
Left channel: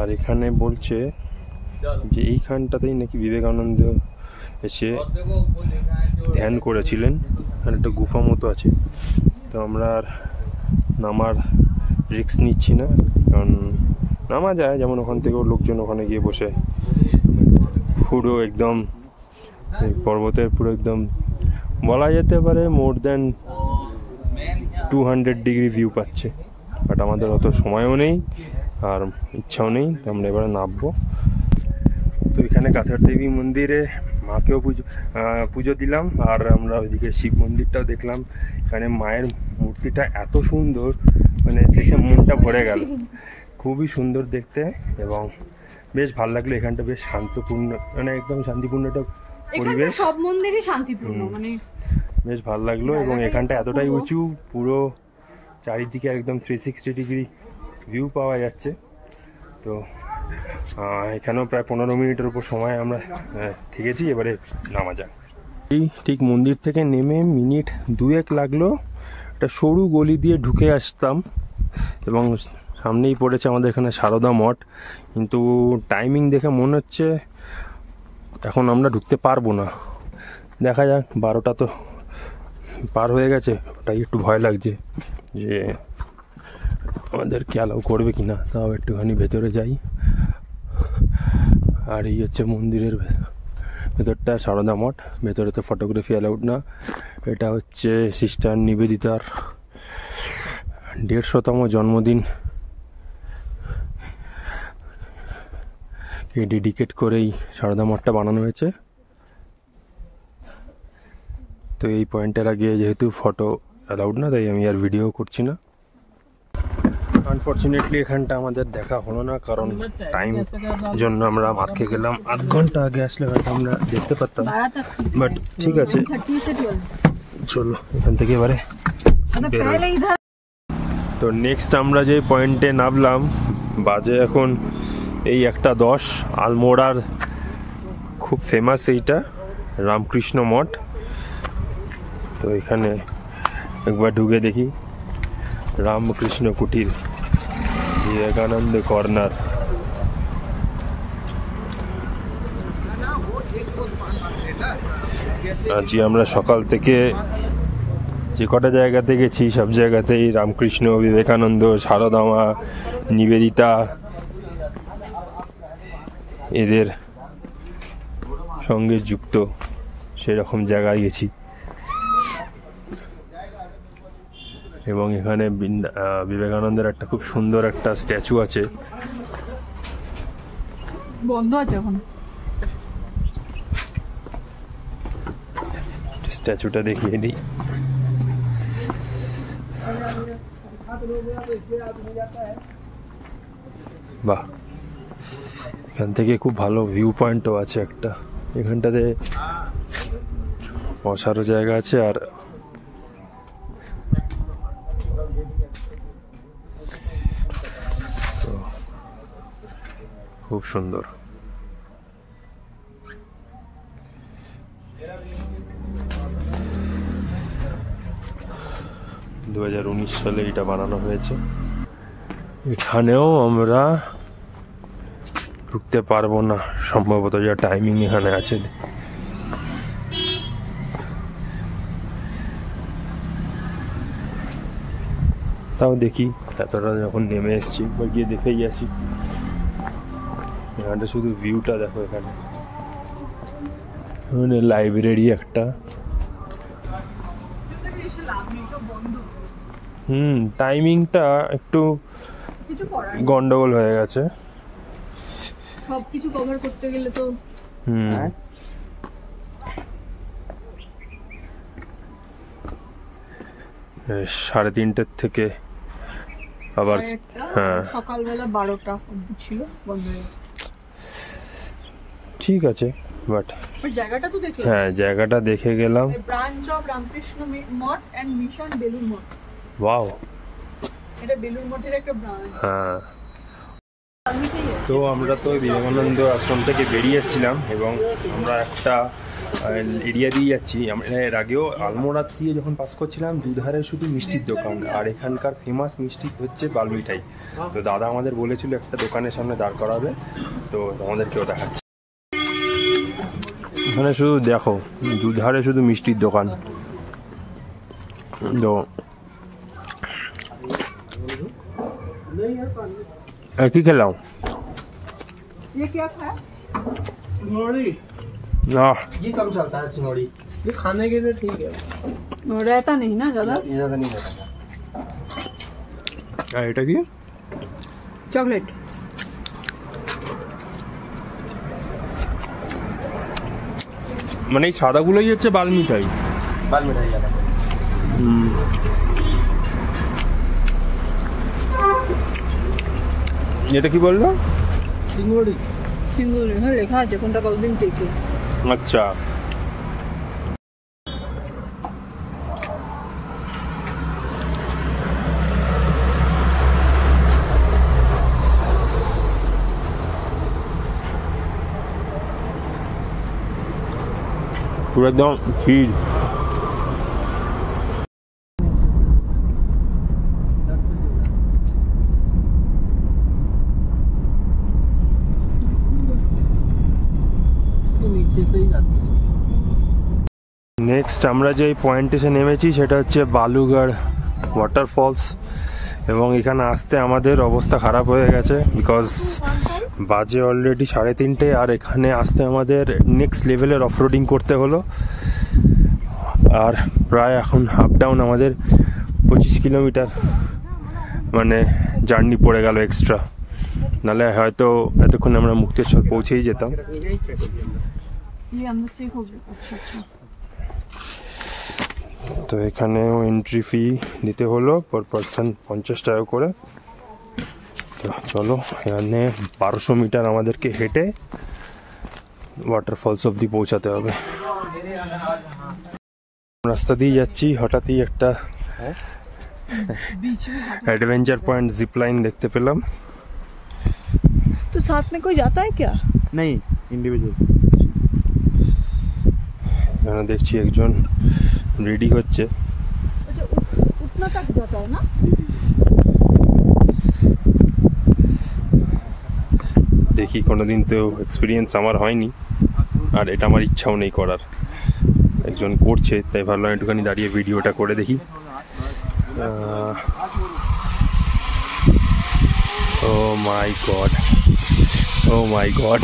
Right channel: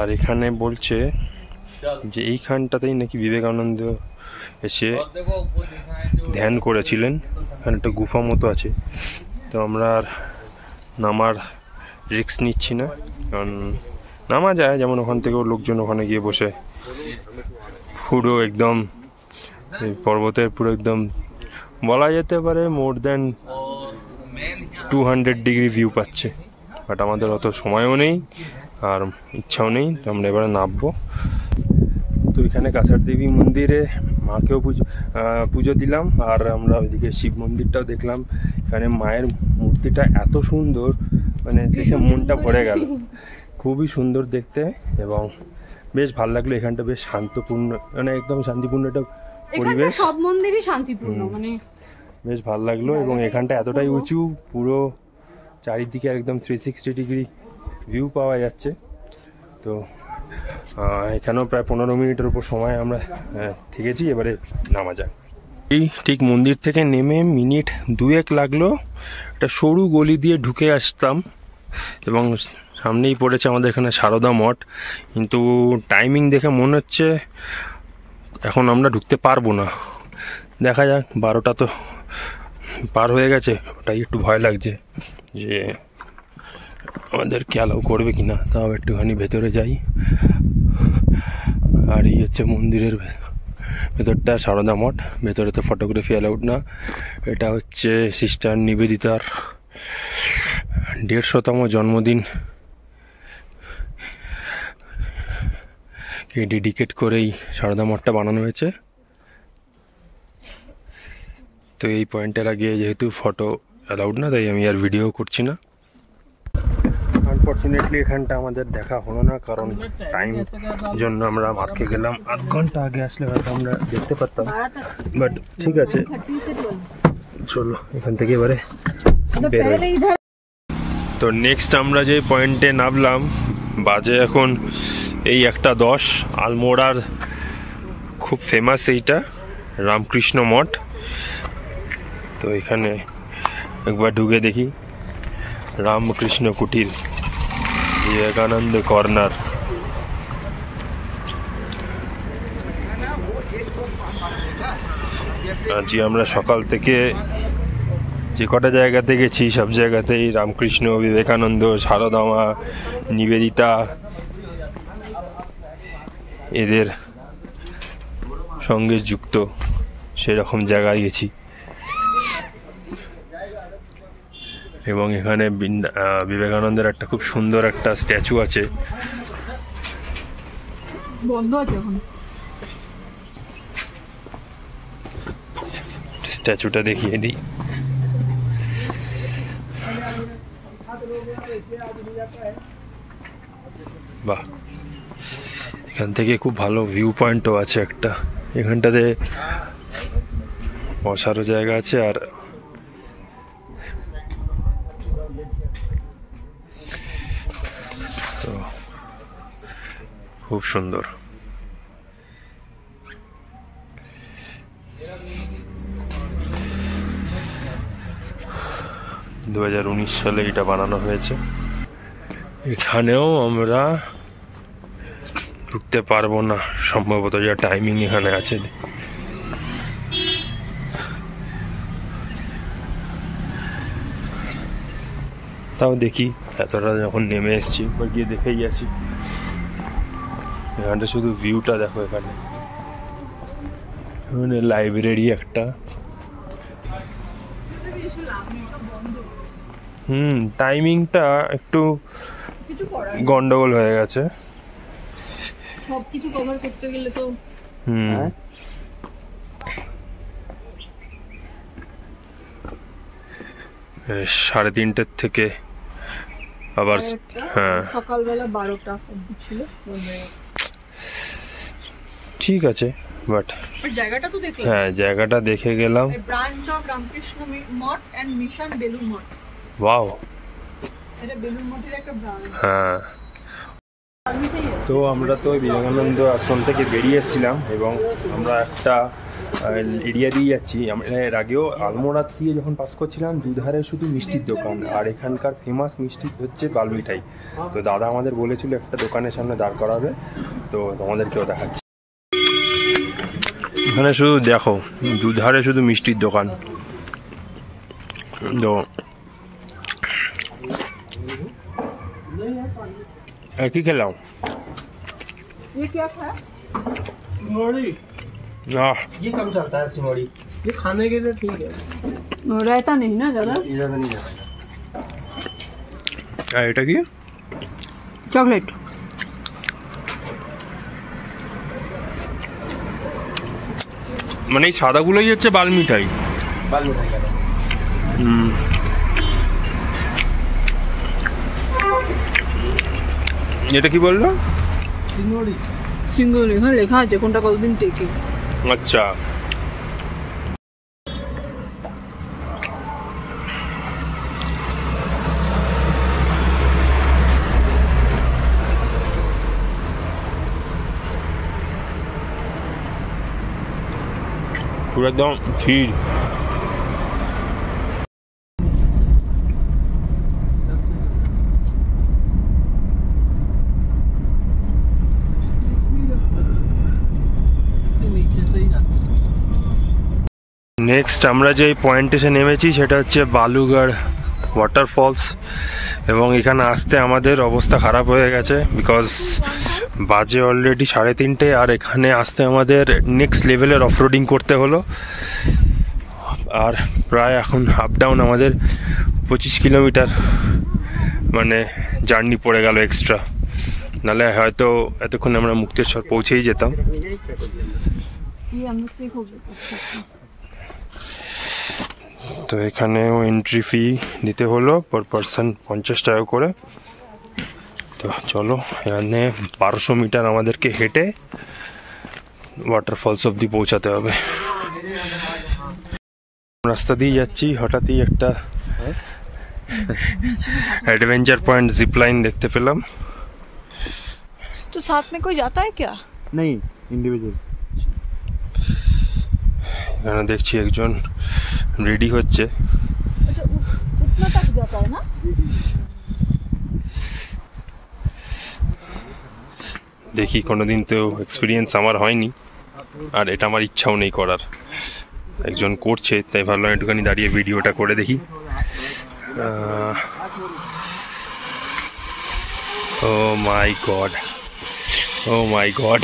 আর এখানে বলছে যে এইখানটাতেই নাকি বিবেকানন্দ এসে ধ্যান করেছিলেন। এখানে একটা গুফা মতো আছে। তো আমরা আর নামার রিস্ক নিচ্ছি না, কারণ নামা যায়, যেমন ওখান থেকেও লোকজন ওখানে গিয়ে বসে পুরো একদম পর্বতের পুরো একদম বলা যেতে পারে মোর দ্যান 200 ডিগ্রি ভিউ পাচ্ছে। বাট আমাদের অত সময়ও নেই আর ইচ্ছাও নেই, তো আমরা এবারে নামবো। তো এখানে কাসার দেবী মন্দিরে মাকেও পুজো দিলাম, আর আমরা ওইদিকে শিব মন্দিরটাও দেখলাম। এখানে মায়ের মূর্তিটা এত সুন্দর, মানে দেখে মনটা ভরে গেল। খুবই সুন্দর দেখতে এবং বেশ ভালো লাগলো। এখানটা বেশ শান্তপূর্ণ, মানে একদম শান্তিপূর্ণ একটা পরিবেশ। সব মন্দিরই শান্তিপূর্ণ, মানে বেশ ভালো লাগলো। এবং এখানটা এতটাই উঁচু, পুরো চারিদিকে একদম 360 ডিগ্রি ভিউ পাওয়া যাচ্ছে। তো এখানেও প্রায় 15 মিনিটের উপর সময় আমরা থেকেছি। এবারে নামা যাক। এই ঠিক মন্দির থেকে নেমে মিনিট 2 লাগলো। একটা সরু গলি দিয়ে ঢুকে আসতাম এবং সামনেই পড়েছে আমাদের এখানে সারদা মঠ। কিন্তু টাইমিং দেখে মনে হচ্ছে এখন আমরা ঢুকতে পারবো না। দেখা যাক, 12টা তো পার হয়ে গেছে। ওটাই একটু ভয় লাগছে যে আমাদেরকে অ্যালাউ করবে কিনা। তাও একটুখানি ভেতরে যাই। আর এই হচ্ছে মন্দিরের ভেতরটা, সারদা মঠ। ভেতরে তো ফটোগ্রাফি অ্যালাউড না। এটা হচ্ছে সিস্টার নিবেদিতার 150তম জন্মদিন কে ডেডিকেট করেই সারদা মঠটা বানানো হয়েছে। তো এই পয়েন্টের আগে যেহেতু ফটো অ্যালাউড না, তাই আমি আর ভিডিও করছি না। আনফর্চুনেটলি এখানটা আমাদের দেখা হলো না, কারণ টাইম জন্য আমরা মার খেয়ে গেলাম। আধ ঘন্টা আগে আসলে হয়তো আমরা দেখতে পারতাম, বাট ঠিক আছে চলো এখান থেকে এবারে বেরোই। তো নেক্সট আমরা যে পয়েন্টে নামলাম, বাজে এখন এই 1:10। আলমোড়ার খুব ফেমাস এইটা রামকৃষ্ণ মঠ। তো এখানে একবার ঢুকে দেখি, রামকৃষ্ণ কুটির, বিবেকানন্দ কর্নার। আজকে আমরা সকাল থেকে যে কটা জায়গাতে গেছি সব জায়গাতেই রামকৃষ্ণ, বিবেকানন্দ, সারদামা, নিবেদিতা এদের সঙ্গে যুক্ত সেরকম জায়গায় গেছি। এবং এখানে বিবেকানন্দের একটা খুব সুন্দর একটা স্ট্যাচু আছে, বন্ধ আছে এখন। স্ট্যাচুটা দেখিয়ে দিই। বাহ, এখান থেকে খুব ভালো ভিউ পয়েন্টও আছে একটা। এখানটাতে বসারও জায়গা আছে, আর তো খুব সুন্দর। 2019 সালে এটা বানানো হয়েছে। এখানেও আমরা ঢুকতে পারবো না সম্ভবত, যা টাইমিং এখানে আছে। তাও দেখি, এতটা যখন নেমে এসছি বা গিয়ে দেখেই আসি। এখানটা শুধু ভিউটা দেখো। এখানে লাইব্রেরি একটা। টাইমিংটা একটু গন্ডগোল হয়ে গেছে। সবকিছু কভার করতে গেলে তো 3:30 থেকে আবার হ্যাঁ সকালবেলা 12টা অবধি ছিল, ঠিক আছে। বাট জায়গাটা তো দেখলাম, হ্যাঁ জায়গাটা দেখে গেলাম। Branch of Ramakrishna Math and mission Belur Math. Wow, এটা বেলুর মঠের একটা ব্রাঞ্চ। হ্যাঁ। তো আমরা তো বিবেকানন্দ আশ্রম থেকে বেরিয়ে এসেছিলাম এবং আমরা একটা এরিয়া দিয়ে যাচ্ছি। আমরা এর আগেও আলমোড়া দিয়ে যখন পাস করছিলাম, দুধারে শুধু মিষ্টির দোকান, আর এখানকার ফেমাস মিষ্টি হচ্ছে বালমিঠাই। তো দাদা আমাদের বলেছিল একটা দোকানের সামনে দাঁড় করাবে, তো আমাদেরকেও দেখাচ্ছে। এখানে শুধু দেখো, দুধারে শুধু মিষ্টির দোকান। তো কি খেলাম? ये कम चलता है सिमोड़ी, ये खाने के लिए ठीक है, रहता नहीं ना ज्यादा, ज्यादा नहीं रहता। এটা কি? চকলেট। মানে এই সাদাগুলোই হচ্ছে বালমিঠাই। बाल मिठाई वाला। এটা কি বললো? सिंगोड़ी। সিঙ্গুলি, হ্যাঁ লেখা আছে কোনটা কতদিন টেকে। আচ্ছা, পুরো একদম ক্ষীর। নেক্সট আমরা যে পয়েন্টে এসে নেমেছি সেটা হচ্ছে বালুগড় ওয়াটারফলস, এবং এখানে আসতে আমাদের অবস্থা খারাপ হয়ে গেছে বিকজ বাজে অলরেডি 3:30, আর এখানে আসতে আমাদের নেক্সট লেভেলের অফরোডিং করতে হলো। আর প্রায় এখন আপ ডাউন আমাদের 25 কিলোমিটার মানে জার্নি পড়ে গেল এক্সট্রা, নাহলে হয়তো এতক্ষণ আমরা মুক্তেশ্বর পৌঁছেই যেতাম। তো এখানেও এন্ট্রি ফি দিতে হলো পার পারসন 50 টাকা করে। তো চলো, এখানে 1200 মিটার আমাদেরকে হেঁটে ওয়াটারফলস অবধি পৌঁছাতে হবে। রাস্তা দিয়ে যাচ্ছি, হঠাৎই একটা एडवेंचर पॉइंट जिप लाइन देखते पेलाम। तो साथ में कोई जाता है क्या? नहीं, इंडिविजुअल। এখানে দেখছি একজন রেডি হচ্ছে। उतना तक जाता है ना? দেখি, কোনোদিন তো এক্সপিরিয়েন্স আমার হয়নি, আর এটা আমার ইচ্ছাও নেই করার। একজন করছে তাই ভাবলাম একটুখানি দাঁড়িয়ে ভিডিওটা করে দেখি। ও মাই গড, ও মাই গড।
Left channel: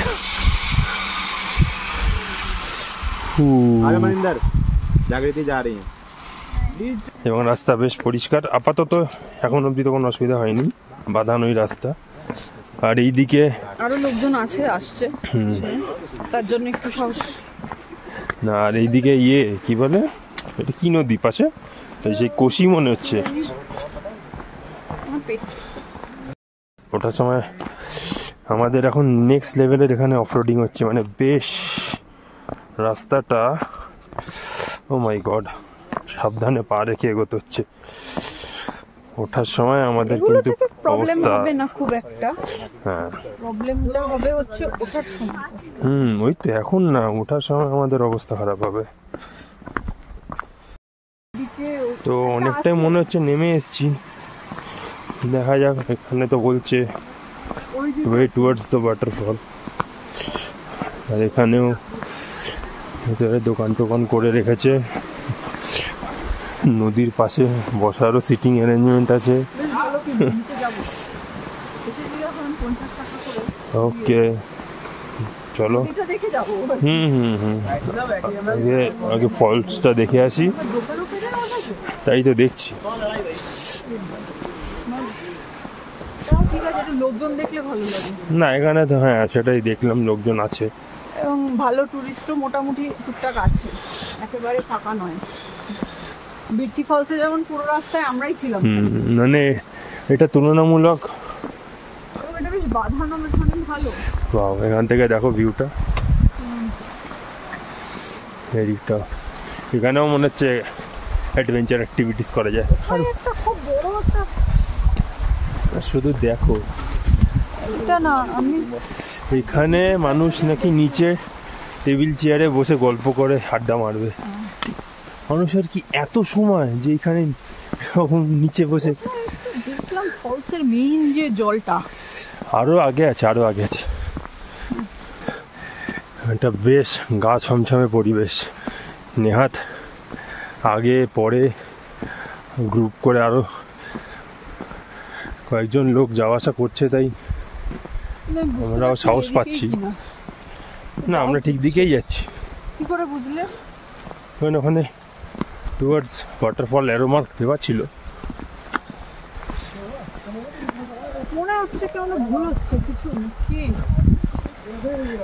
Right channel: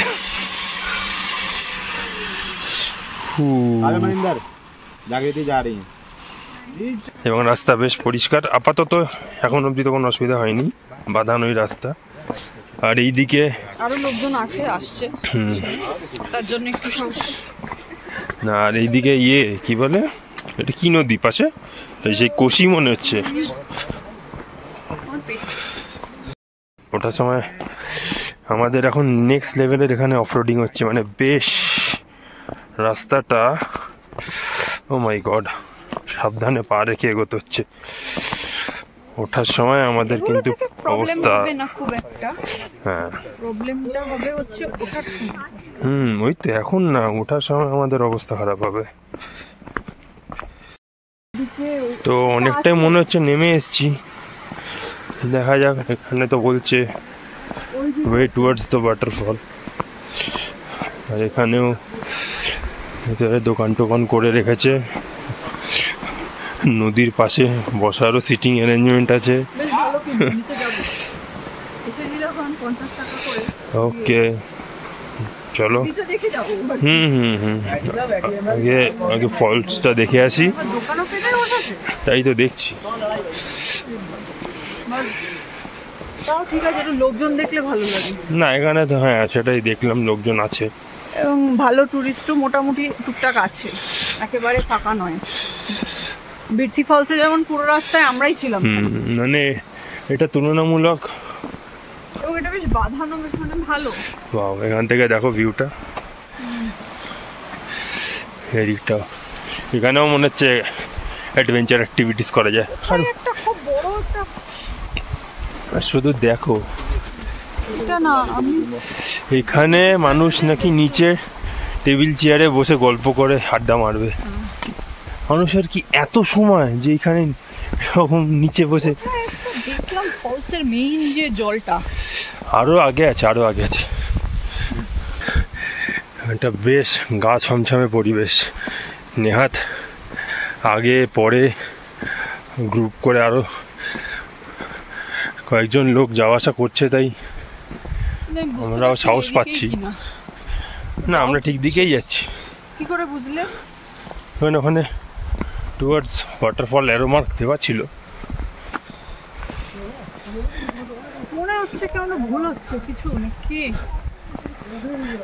জাগৃতি যা রही हैं। এবং রাস্তা বেশ পরিষ্কার আপাতত, এখন অবধি তো কোনো অসুবিধা হয়নি, বাঁধানোই রাস্তা। আর এইদিকে আরো লোকজন আসছে, তার জন্য একটু সাহস। না, আর এইদিকে কি বলে, এটা কি নদী পাশে, সেই কোশি মনে হচ্ছে। ওটার সময় আমাদের এখন নেক্সট লেভেলের এখানে অফরোডিং হচ্ছে, মানে বেশ রাস্তাটা, ও মাই গড, সাবধানে পা রেখে এগোতে হচ্ছে। ওঠার সময় আমাদের কিন্তু অবস্থা, খুব একটা হ্যাঁ প্রবলেম হবে হচ্ছে ওঠার সময়। ওই তো, এখন না, ওঠার সময় আমাদের অবস্থা খারাপ হবে। তো অনেকটাই মনে হচ্ছে নেমে এসছি, দেখা যাক। এখানে তো বলছে ওয়ে টুয়ার্ডস দ্য ওয়াটারফল, আর এখানেও ভিতরে দোকান টোকান করে রেখেছে। নদীর পাশে বসারও সিটিং অ্যারেঞ্জমেন্ট আছে। ওকে, চলো। আগে আগে ফলসটা দেখে আসি, তাই তো দেখছি। লোকজন দেখলে ভালো লাগে না, এখানে তো হ্যাঁ সেটাই দেখলাম, লোকজন আছে এবং ভালো টুরিস্টও মোটামুটি টুকটাক আছে, একেবারে ফাঁকা নয়। বিরথি ফলসে যেমন পুরো রাস্তায় আমরাই ছিলাম, মানে এটা তুলনামূলক এটা বেশ বাঁধানো, এখানে ভালো। ওয়াও, এখান থেকে দেখো ভিউটা, এদিকটা। এখানেও মনে হচ্ছে অ্যাডভেঞ্চার অ্যাক্টিভিটিস করা যায়। আর একটা খুব বড় একটা, শুধু দেখো, এটা না আমি এখানে মানুষ নাকি নিচে টেবিল চেয়ারে বসে গল্প করে আড্ডা মারবে। মানুষের কি এত সময় যে এখানে এরকম নিচে বসে? দেখলাম ফলসের মেইন যে জলটা আরো আগে আছে, আরো আগে আছে। এটা বেশ গা ছমছমে পরিবেশ। নেহাত আগে পরে গ্রুপ করে আরো কয়েকজন লোক যাওয়া আসা করছে, তাই আমরাও সাহস পাচ্ছি। না, আমরা ঠিক দিকেই যাচ্ছি। কি করে বুঝলে? ওখানে টুয়ার্ডস ওয়াটারফল অ্যারো মার্ক দেওয়া ছিল। মনে হচ্ছে কেন ভুল হচ্ছে কিছু নাকি?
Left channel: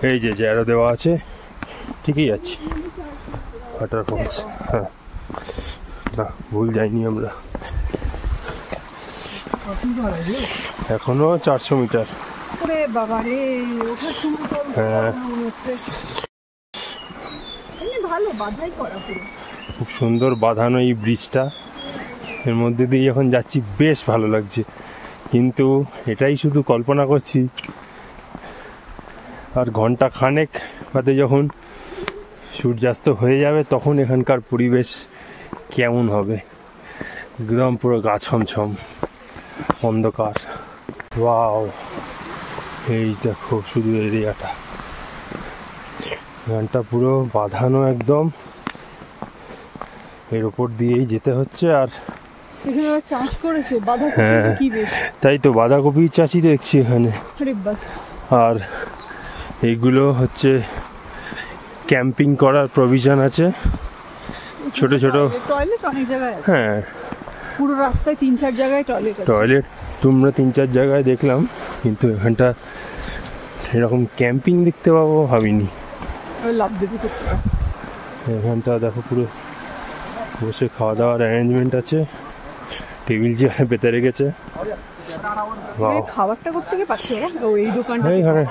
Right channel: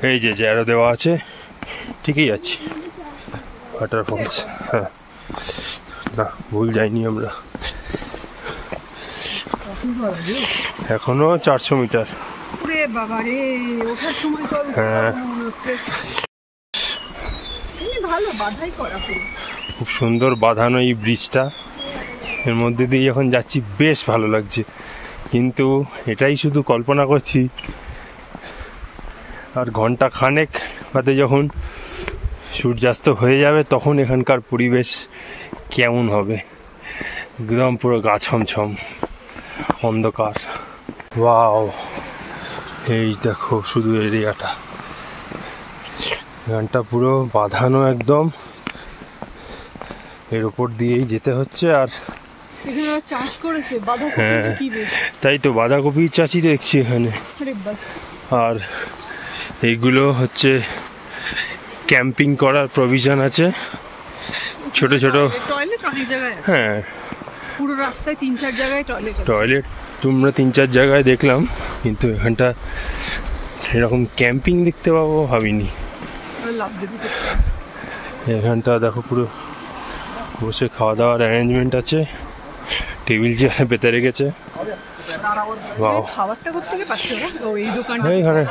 এই যে অ্যারো দেওয়া আছে, ঠিকই আছে ওয়াটারফলস। হ্যাঁ, না ভুল যাইনি আমরা। এখনো 400 মিটার। ওরে বাবা রে, ওঠার সময় তো হ্যাঁ, মনে হচ্ছে এমনি ভালো বাধাই করা পুরো। খুব সুন্দর বাঁধানো এই ব্রিজটা, এর মধ্যে দিয়ে যখন যাচ্ছি বেশ ভালো লাগছে। কিন্তু এটাই শুধু কল্পনা করছি, আর ঘন্টা খানেক বাদে যখন সূর্যাস্ত হয়ে যাবে তখন এখানকার পরিবেশ কেমন হবে। একদম পুরো গা ছমছম অন্ধকার। ওয়াও, এই দেখো শুধু এরিয়াটা, এখানটা পুরো বাঁধানো একদম, এর উপর দিয়েই যেতে হচ্ছে। আর এখানে চাষ করেছে বাঁধাকপি, কি বেশ, তাই তো বাঁধাকপির চাষই দেখছি এখানে। আর এইগুলো হচ্ছে ক্যাম্পিং করার প্রভিশন আছে, ছোট ছোট টয়লেট অনেক জায়গায় আছে। হ্যাঁ, পুরো রাস্তায় 3-4 জায়গায় টয়লেট আছে। টয়লেট তোমরা 3-4 জায়গায় দেখলাম, কিন্তু এখানটা এরকম ক্যাম্পিং দেখতে পাবো ভাবিনি। লাভ দিতে এখানটা দেখো পুরো বসে খাওয়া দাওয়ার অ্যারেঞ্জমেন্ট আছে, টেবিল চেয়ারে পেতে রেখেছে। এইখানে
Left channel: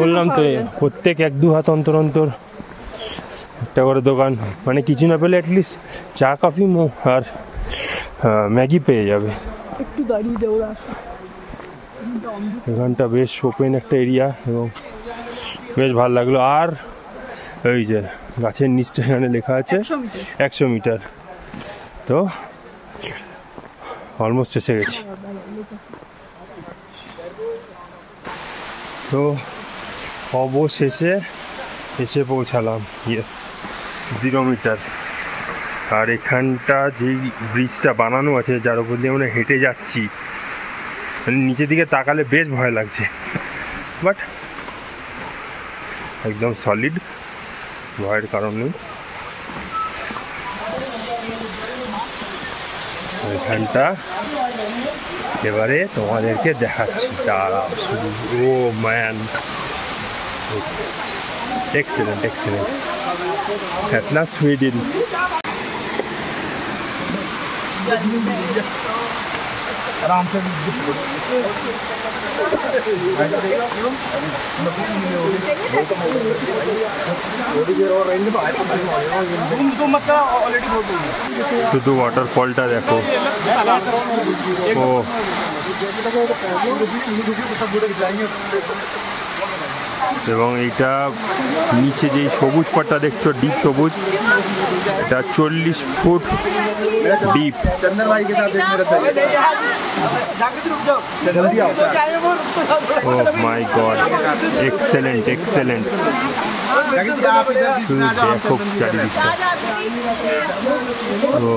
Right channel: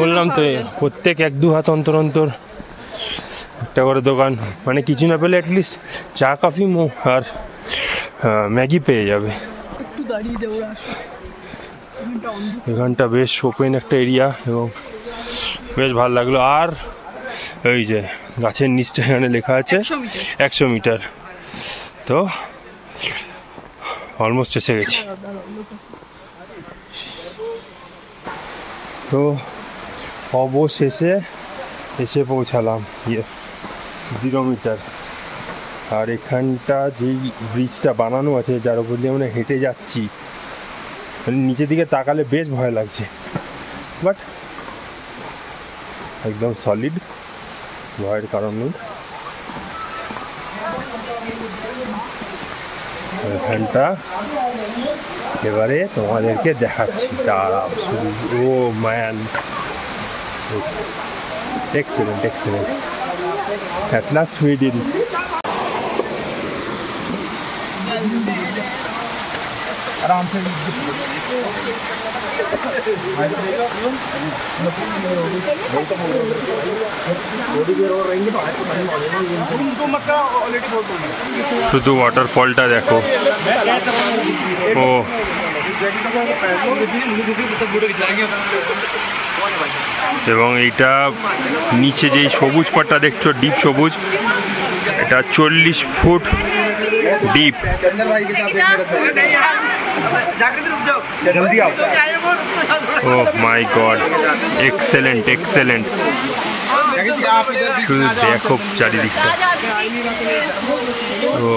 বললাম তো প্রত্যেক 1-2 হাত অন্তর অন্তর একটা করে দোকান, মানে কিছু না পেলে অ্যাটলিস্ট চা কফি আর ম্যাগি পেয়ে যাবে। এখানটা বেশ ওপেন একটা এরিয়া এবং বেশ ভালো লাগলো। আর ওই যে গাছের নিচটা এখানে লেখা আছে 100 মিটার, তো অলমোস্ট এসে গেছি। তো অবশেষে এসে পৌঁছালাম, ইয়েস 0 মিটার। আর এখানটা যেই ব্রিজটা বানানো আছে যার উপর দিয়ে আমরা হেঁটে যাচ্ছি, মানে নিচের দিকে তাকালে বেশ ভয় লাগছে, বাট একদম সলিড, ভয়ের কারণ নেই। এখানটা এবারে তোমাদেরকে দেখাচ্ছি, দাঁড়াও শুধু। Oh man, excellent excellent, at last we did it. आराम से শুধু ওয়াটারফলটা দেখো। ও এবং এইটা নিচে যেই সবুজ পাটটা দেখছো, ডিপ সবুজ, এটা 40 ফুট ডিপ। ও মাই গড, এক্সেলেন্ট এক্সেলেন্ট। শুধু দেখো চারিদিকটা। ও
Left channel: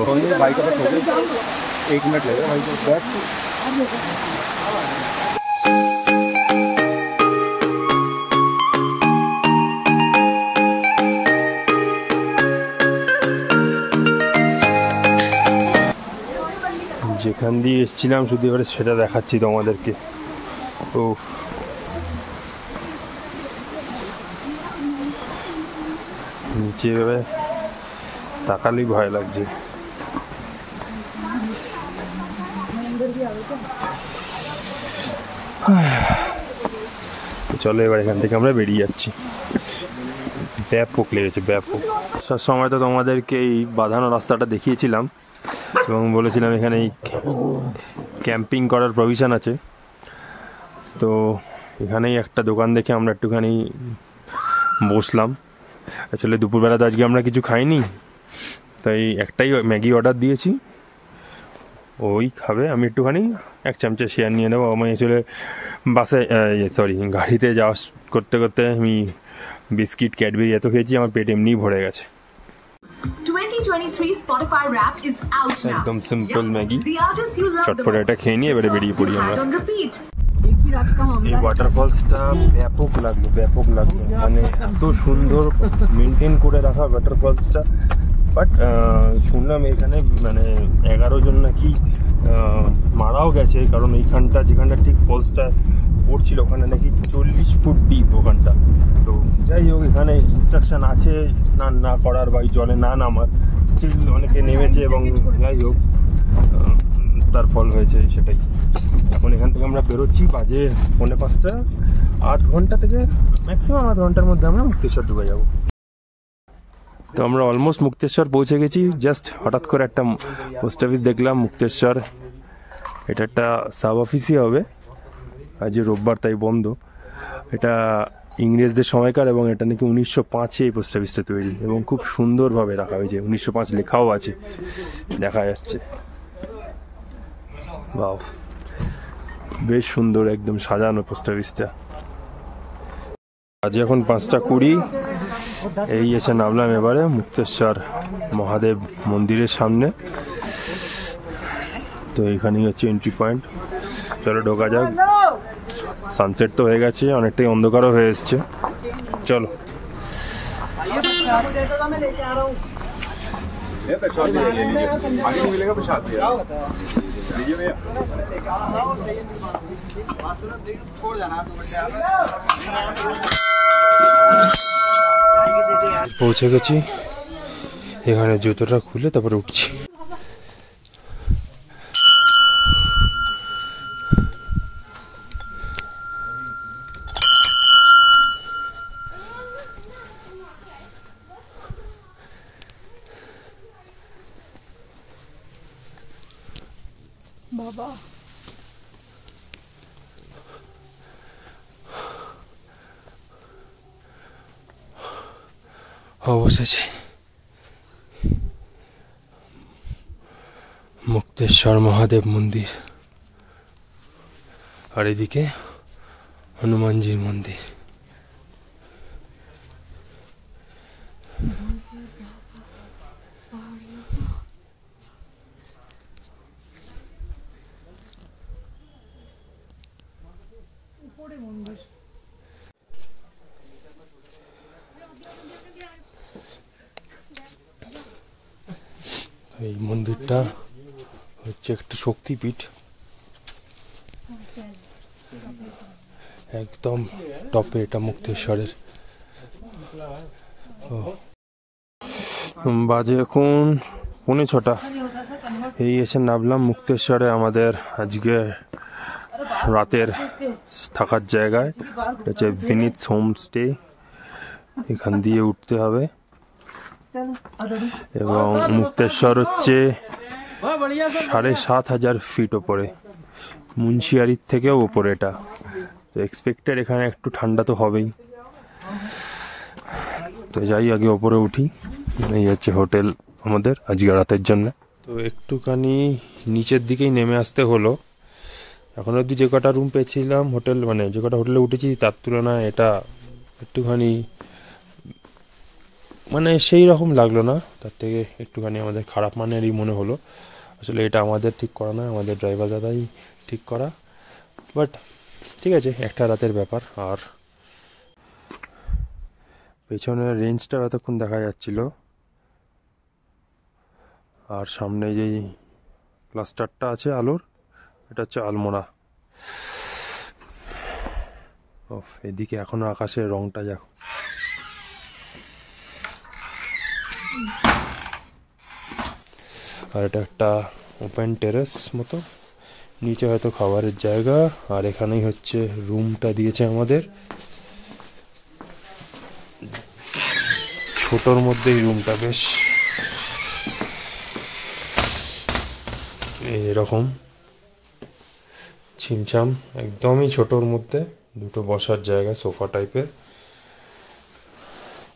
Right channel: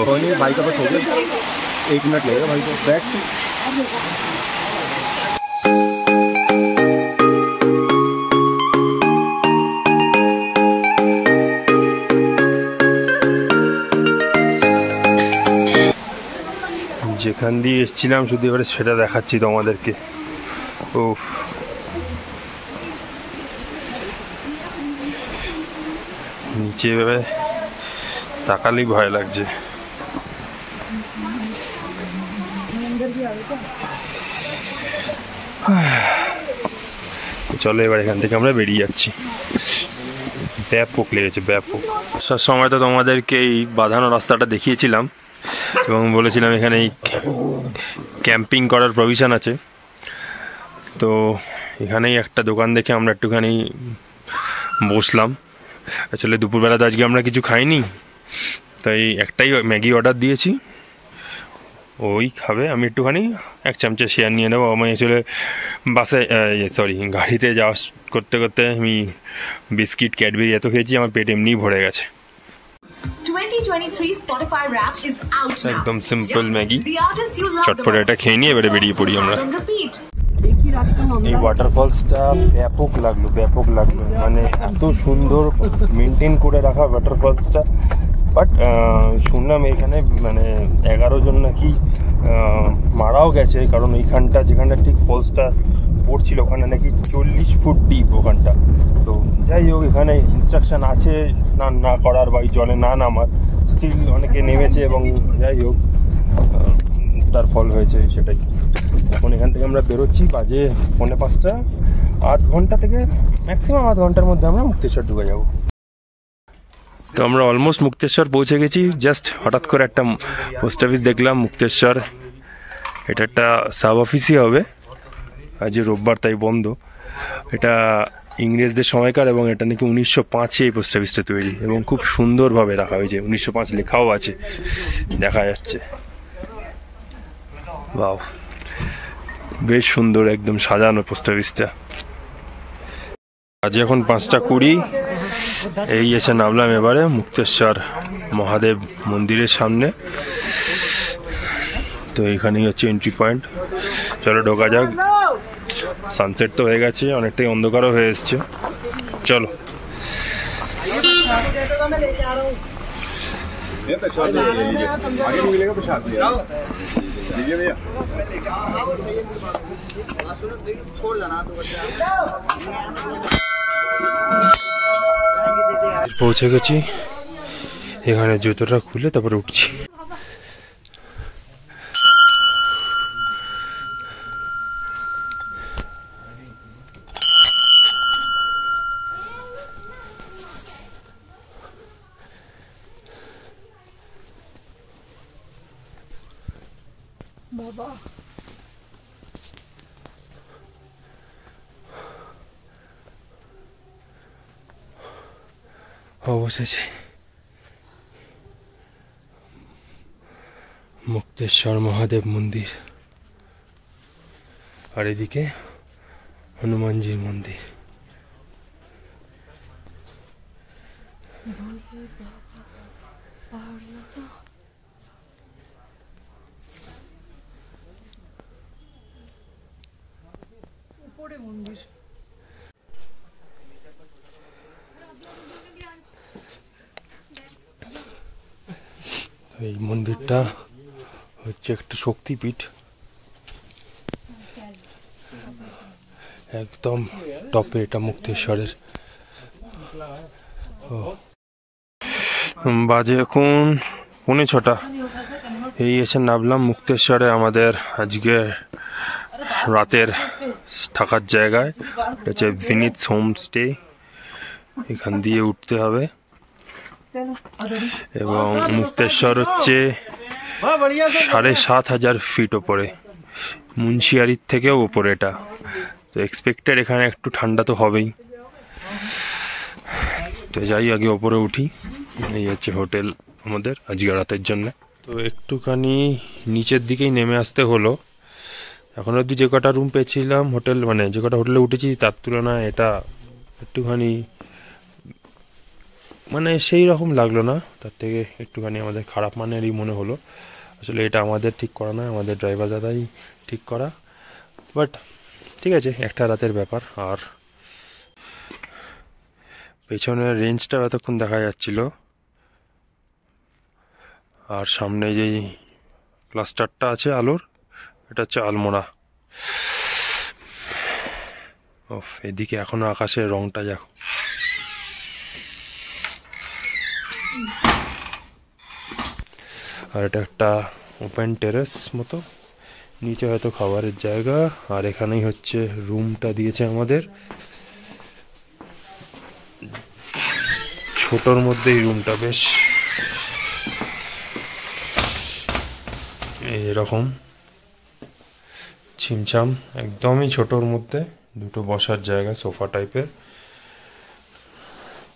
भाई का बस हो गया, 1 मिनट लगेगा भाई को बैठ। যেখান দিয়ে এসেছিলাম শুধু এবারে সেটা দেখাচ্ছি তোমাদেরকে। উফ, নিচে এভাবে তাকালেই ভয় লাগছে। চলো এবার এখান থেকে আমরা বেরিয়ে যাচ্ছি। ব্যাপক লেগেছে, ব্যাপক। সব সময় তো তোমাদেরকে এই বাঁধানো রাস্তাটা দেখিয়েছিলাম এবং বলেছিলাম এখানে ক্যাম্পিং করার প্রভিশন আছে। তো এখানেই একটা দোকান দেখে আমরা একটুখানি বসলাম। আসলে দুপুরবেলা তো আজকে আমরা কিছু খাইনি, তাই একটাই ম্যাগি অর্ডার দিয়েছি, ওই খাবে। আমি একটুখানি 1 চামচা শেয়ার নিয়ে নেবো। আমি আসলে বাসে গাড়িতে যাওয়া করতে করতে আমি বিস্কিট ক্যাডবেরি এত খেয়েছি, আমার পেট এমনিই ভরে গেছে। 2023 Spotify Wrapped is out now. একদম simple Maggi, The artists you love চটপটে এটা খেয়ে নিয়ে এবারে বেরিয়ে পড়ি আমরা। repeat. এই ওয়াটারফলসটা ব্যাপক লাগলো, ব্যাপক লাগলো, মানে এত সুন্দর মেনটেন করে রাখা ওয়াটারফলসটা। বাট শুনলাম এখানে মানে 11 জন নাকি মারাও গেছে, কারণ এইখানটা যেখানটা ঠিক ফলসটা পড়ছিল ওখানে নাকি 40 ফুট ডিপ ওখানটা। তো যাই হোক, এখানে ইনস্ট্রাকশন আছে স্নান না করার বা জলে না নামার, স্টিল অনেকে নেমেছে এবং যাই হোক তার ফল হয়েছে সেটাই। এখন এখান থেকে আমরা বেরোচ্ছি, বাজে 4:45, 8 ঘন্টা থেকে ম্যাক্সিমাম 8 ঘন্টার মধ্যে আমরা মুক্তেশ্বর ঢুকে যাব। তো আমরা অলমোস্ট মুক্তেশ্বর পৌঁছে গেছি। জাস্ট হঠাৎ করে একটা পোস্ট অফিস দেখলাম মুক্তেশ্বর, এটা একটা সাব অফিসই হবে, আজ রোববার তাই বন্ধ। এটা ইংরেজদের সময়কার এবং এটা নাকি 1905-এ এই পোস্ট অফিসটা তৈরি এবং খুব সুন্দরভাবে রাখা হয়েছে, 1905 লেখাও আছে, দেখা যাচ্ছে। বাহ, বেশ সুন্দর একদম সাজানো পোস্ট অফিসটা। আজ এখন 5:20, এই এসে নামলাম এবারে মুক্তেশ্বর মহাদেব মন্দিরের সামনে। তো এইখানেই হচ্ছে এন্ট্রি পয়েন্ট। চলো ঢোকা যাক। সানসেট তো হয়ে গেছে, অনেকটাই অন্ধকারও হয়ে এসছে। চলো। পৌঁছে গেছি এখানে জুতোটা খুলে তারপরে উঠছি। বাবা অবশেষে মুক্তেশ্বর মহাদেব মন্দির, আর এদিকে হনুমানজির মন্দির। উপরে মন্দির। এই মন্দিরটা হচ্ছে একটা শক্তিপীঠ, একদম টপে এটা মুক্তেশ্বরের। বাজে এখন 6:45। এই এসে নামলাম মুক্তেশ্বরে আমাদের আজকে রাতের থাকার জায়গায়। এটা হচ্ছে ভিনিথ হোমস্টে, এখান দিয়ে উঠতে হবে। এবং মুক্তেশ্বর হচ্ছে 7,500 ফিট ওপরে, মুন্সিয়ারির থেকেও ওপরে এটা। তো এক্সপেক্টেড এখানে একটু ঠান্ডা তো হবেই। তো যাই আগে ওপরে উঠি। এই হচ্ছে হোটেল আমাদের আজকে রাতের জন্য। তো একটুখানি নিচের দিকেই নেমে আসতে হলো। এখন অবধি যে কটা রুম পেয়েছিলাম হোটেল, মানে যে কটা হোটেলে উঠেছি তার তুলনায় এটা একটুখানি মানে সেই রকম লাগলো না, তার থেকে একটুখানি আমাদের খারাপ মানেরই মনে হলো। আসলে এটা আমাদের ঠিক করা নয়, আমাদের ড্রাইভার দাদাই ঠিক করা, বাট ঠিক আছে, একটা রাতের ব্যাপার। আর পেছনের রেঞ্জটা এতক্ষণ দেখা যাচ্ছিল, আর সামনে যেই ক্লাস্টারটা আছে আলোর, এটা হচ্ছে আলমোড়া। এদিকে এখনো আকাশের রংটা দেখো। আর এটা একটা ওপেন টেরেস মতো, নিচে হয়তো খাবারের জায়গা, আর এখানেই হচ্ছে রুমটা দিয়েছে আমাদের। ছোটর মধ্যে এই রুমটা বেশ এরকম ছিমছাম, একদমই ছোটর মধ্যে। দুটো বসার জায়গা, সোফা টাইপের,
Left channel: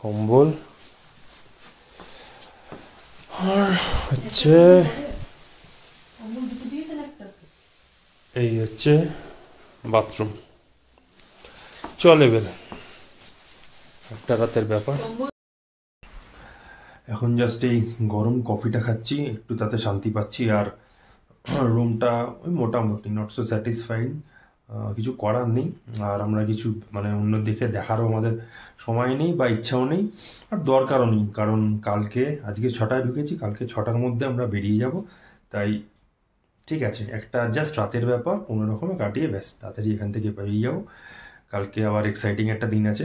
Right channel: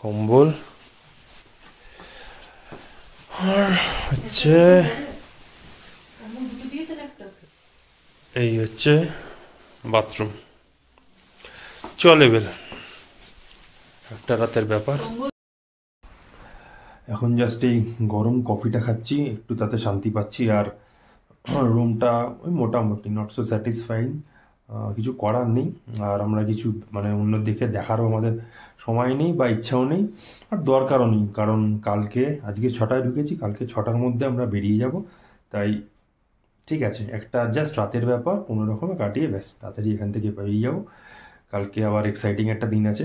কম্বল, আর হচ্ছে এই হচ্ছে বাথরুম। চলে বেল একটা রাতের ব্যাপার। এখন জাস্ট এই গরম কফিটা খাচ্ছি, একটু তাতে শান্তি পাচ্ছি। আর রুমটা ওই মোটামুটি নট সো স্যাটিসফাইং, কিছু করার নেই। আর আমরা কিছু মানে অন্য দিকে দেখারও আমাদের সময় নেই বা ইচ্ছাও নেই, আর দরকারও নেই। কারণ কালকে, আজকে 6টায় ঢুকেছি, কালকে 6টার মধ্যে আমরা বেরিয়ে যাব। তাই ঠিক আছে, একটা জাস্ট রাতের ব্যাপার কোনো রকমে কাটিয়ে ব্যাস তাড়াতাড়ি এখান থেকে বেরিয়ে যাবো। কালকে আবার এক্সাইটিং একটা দিন আছে।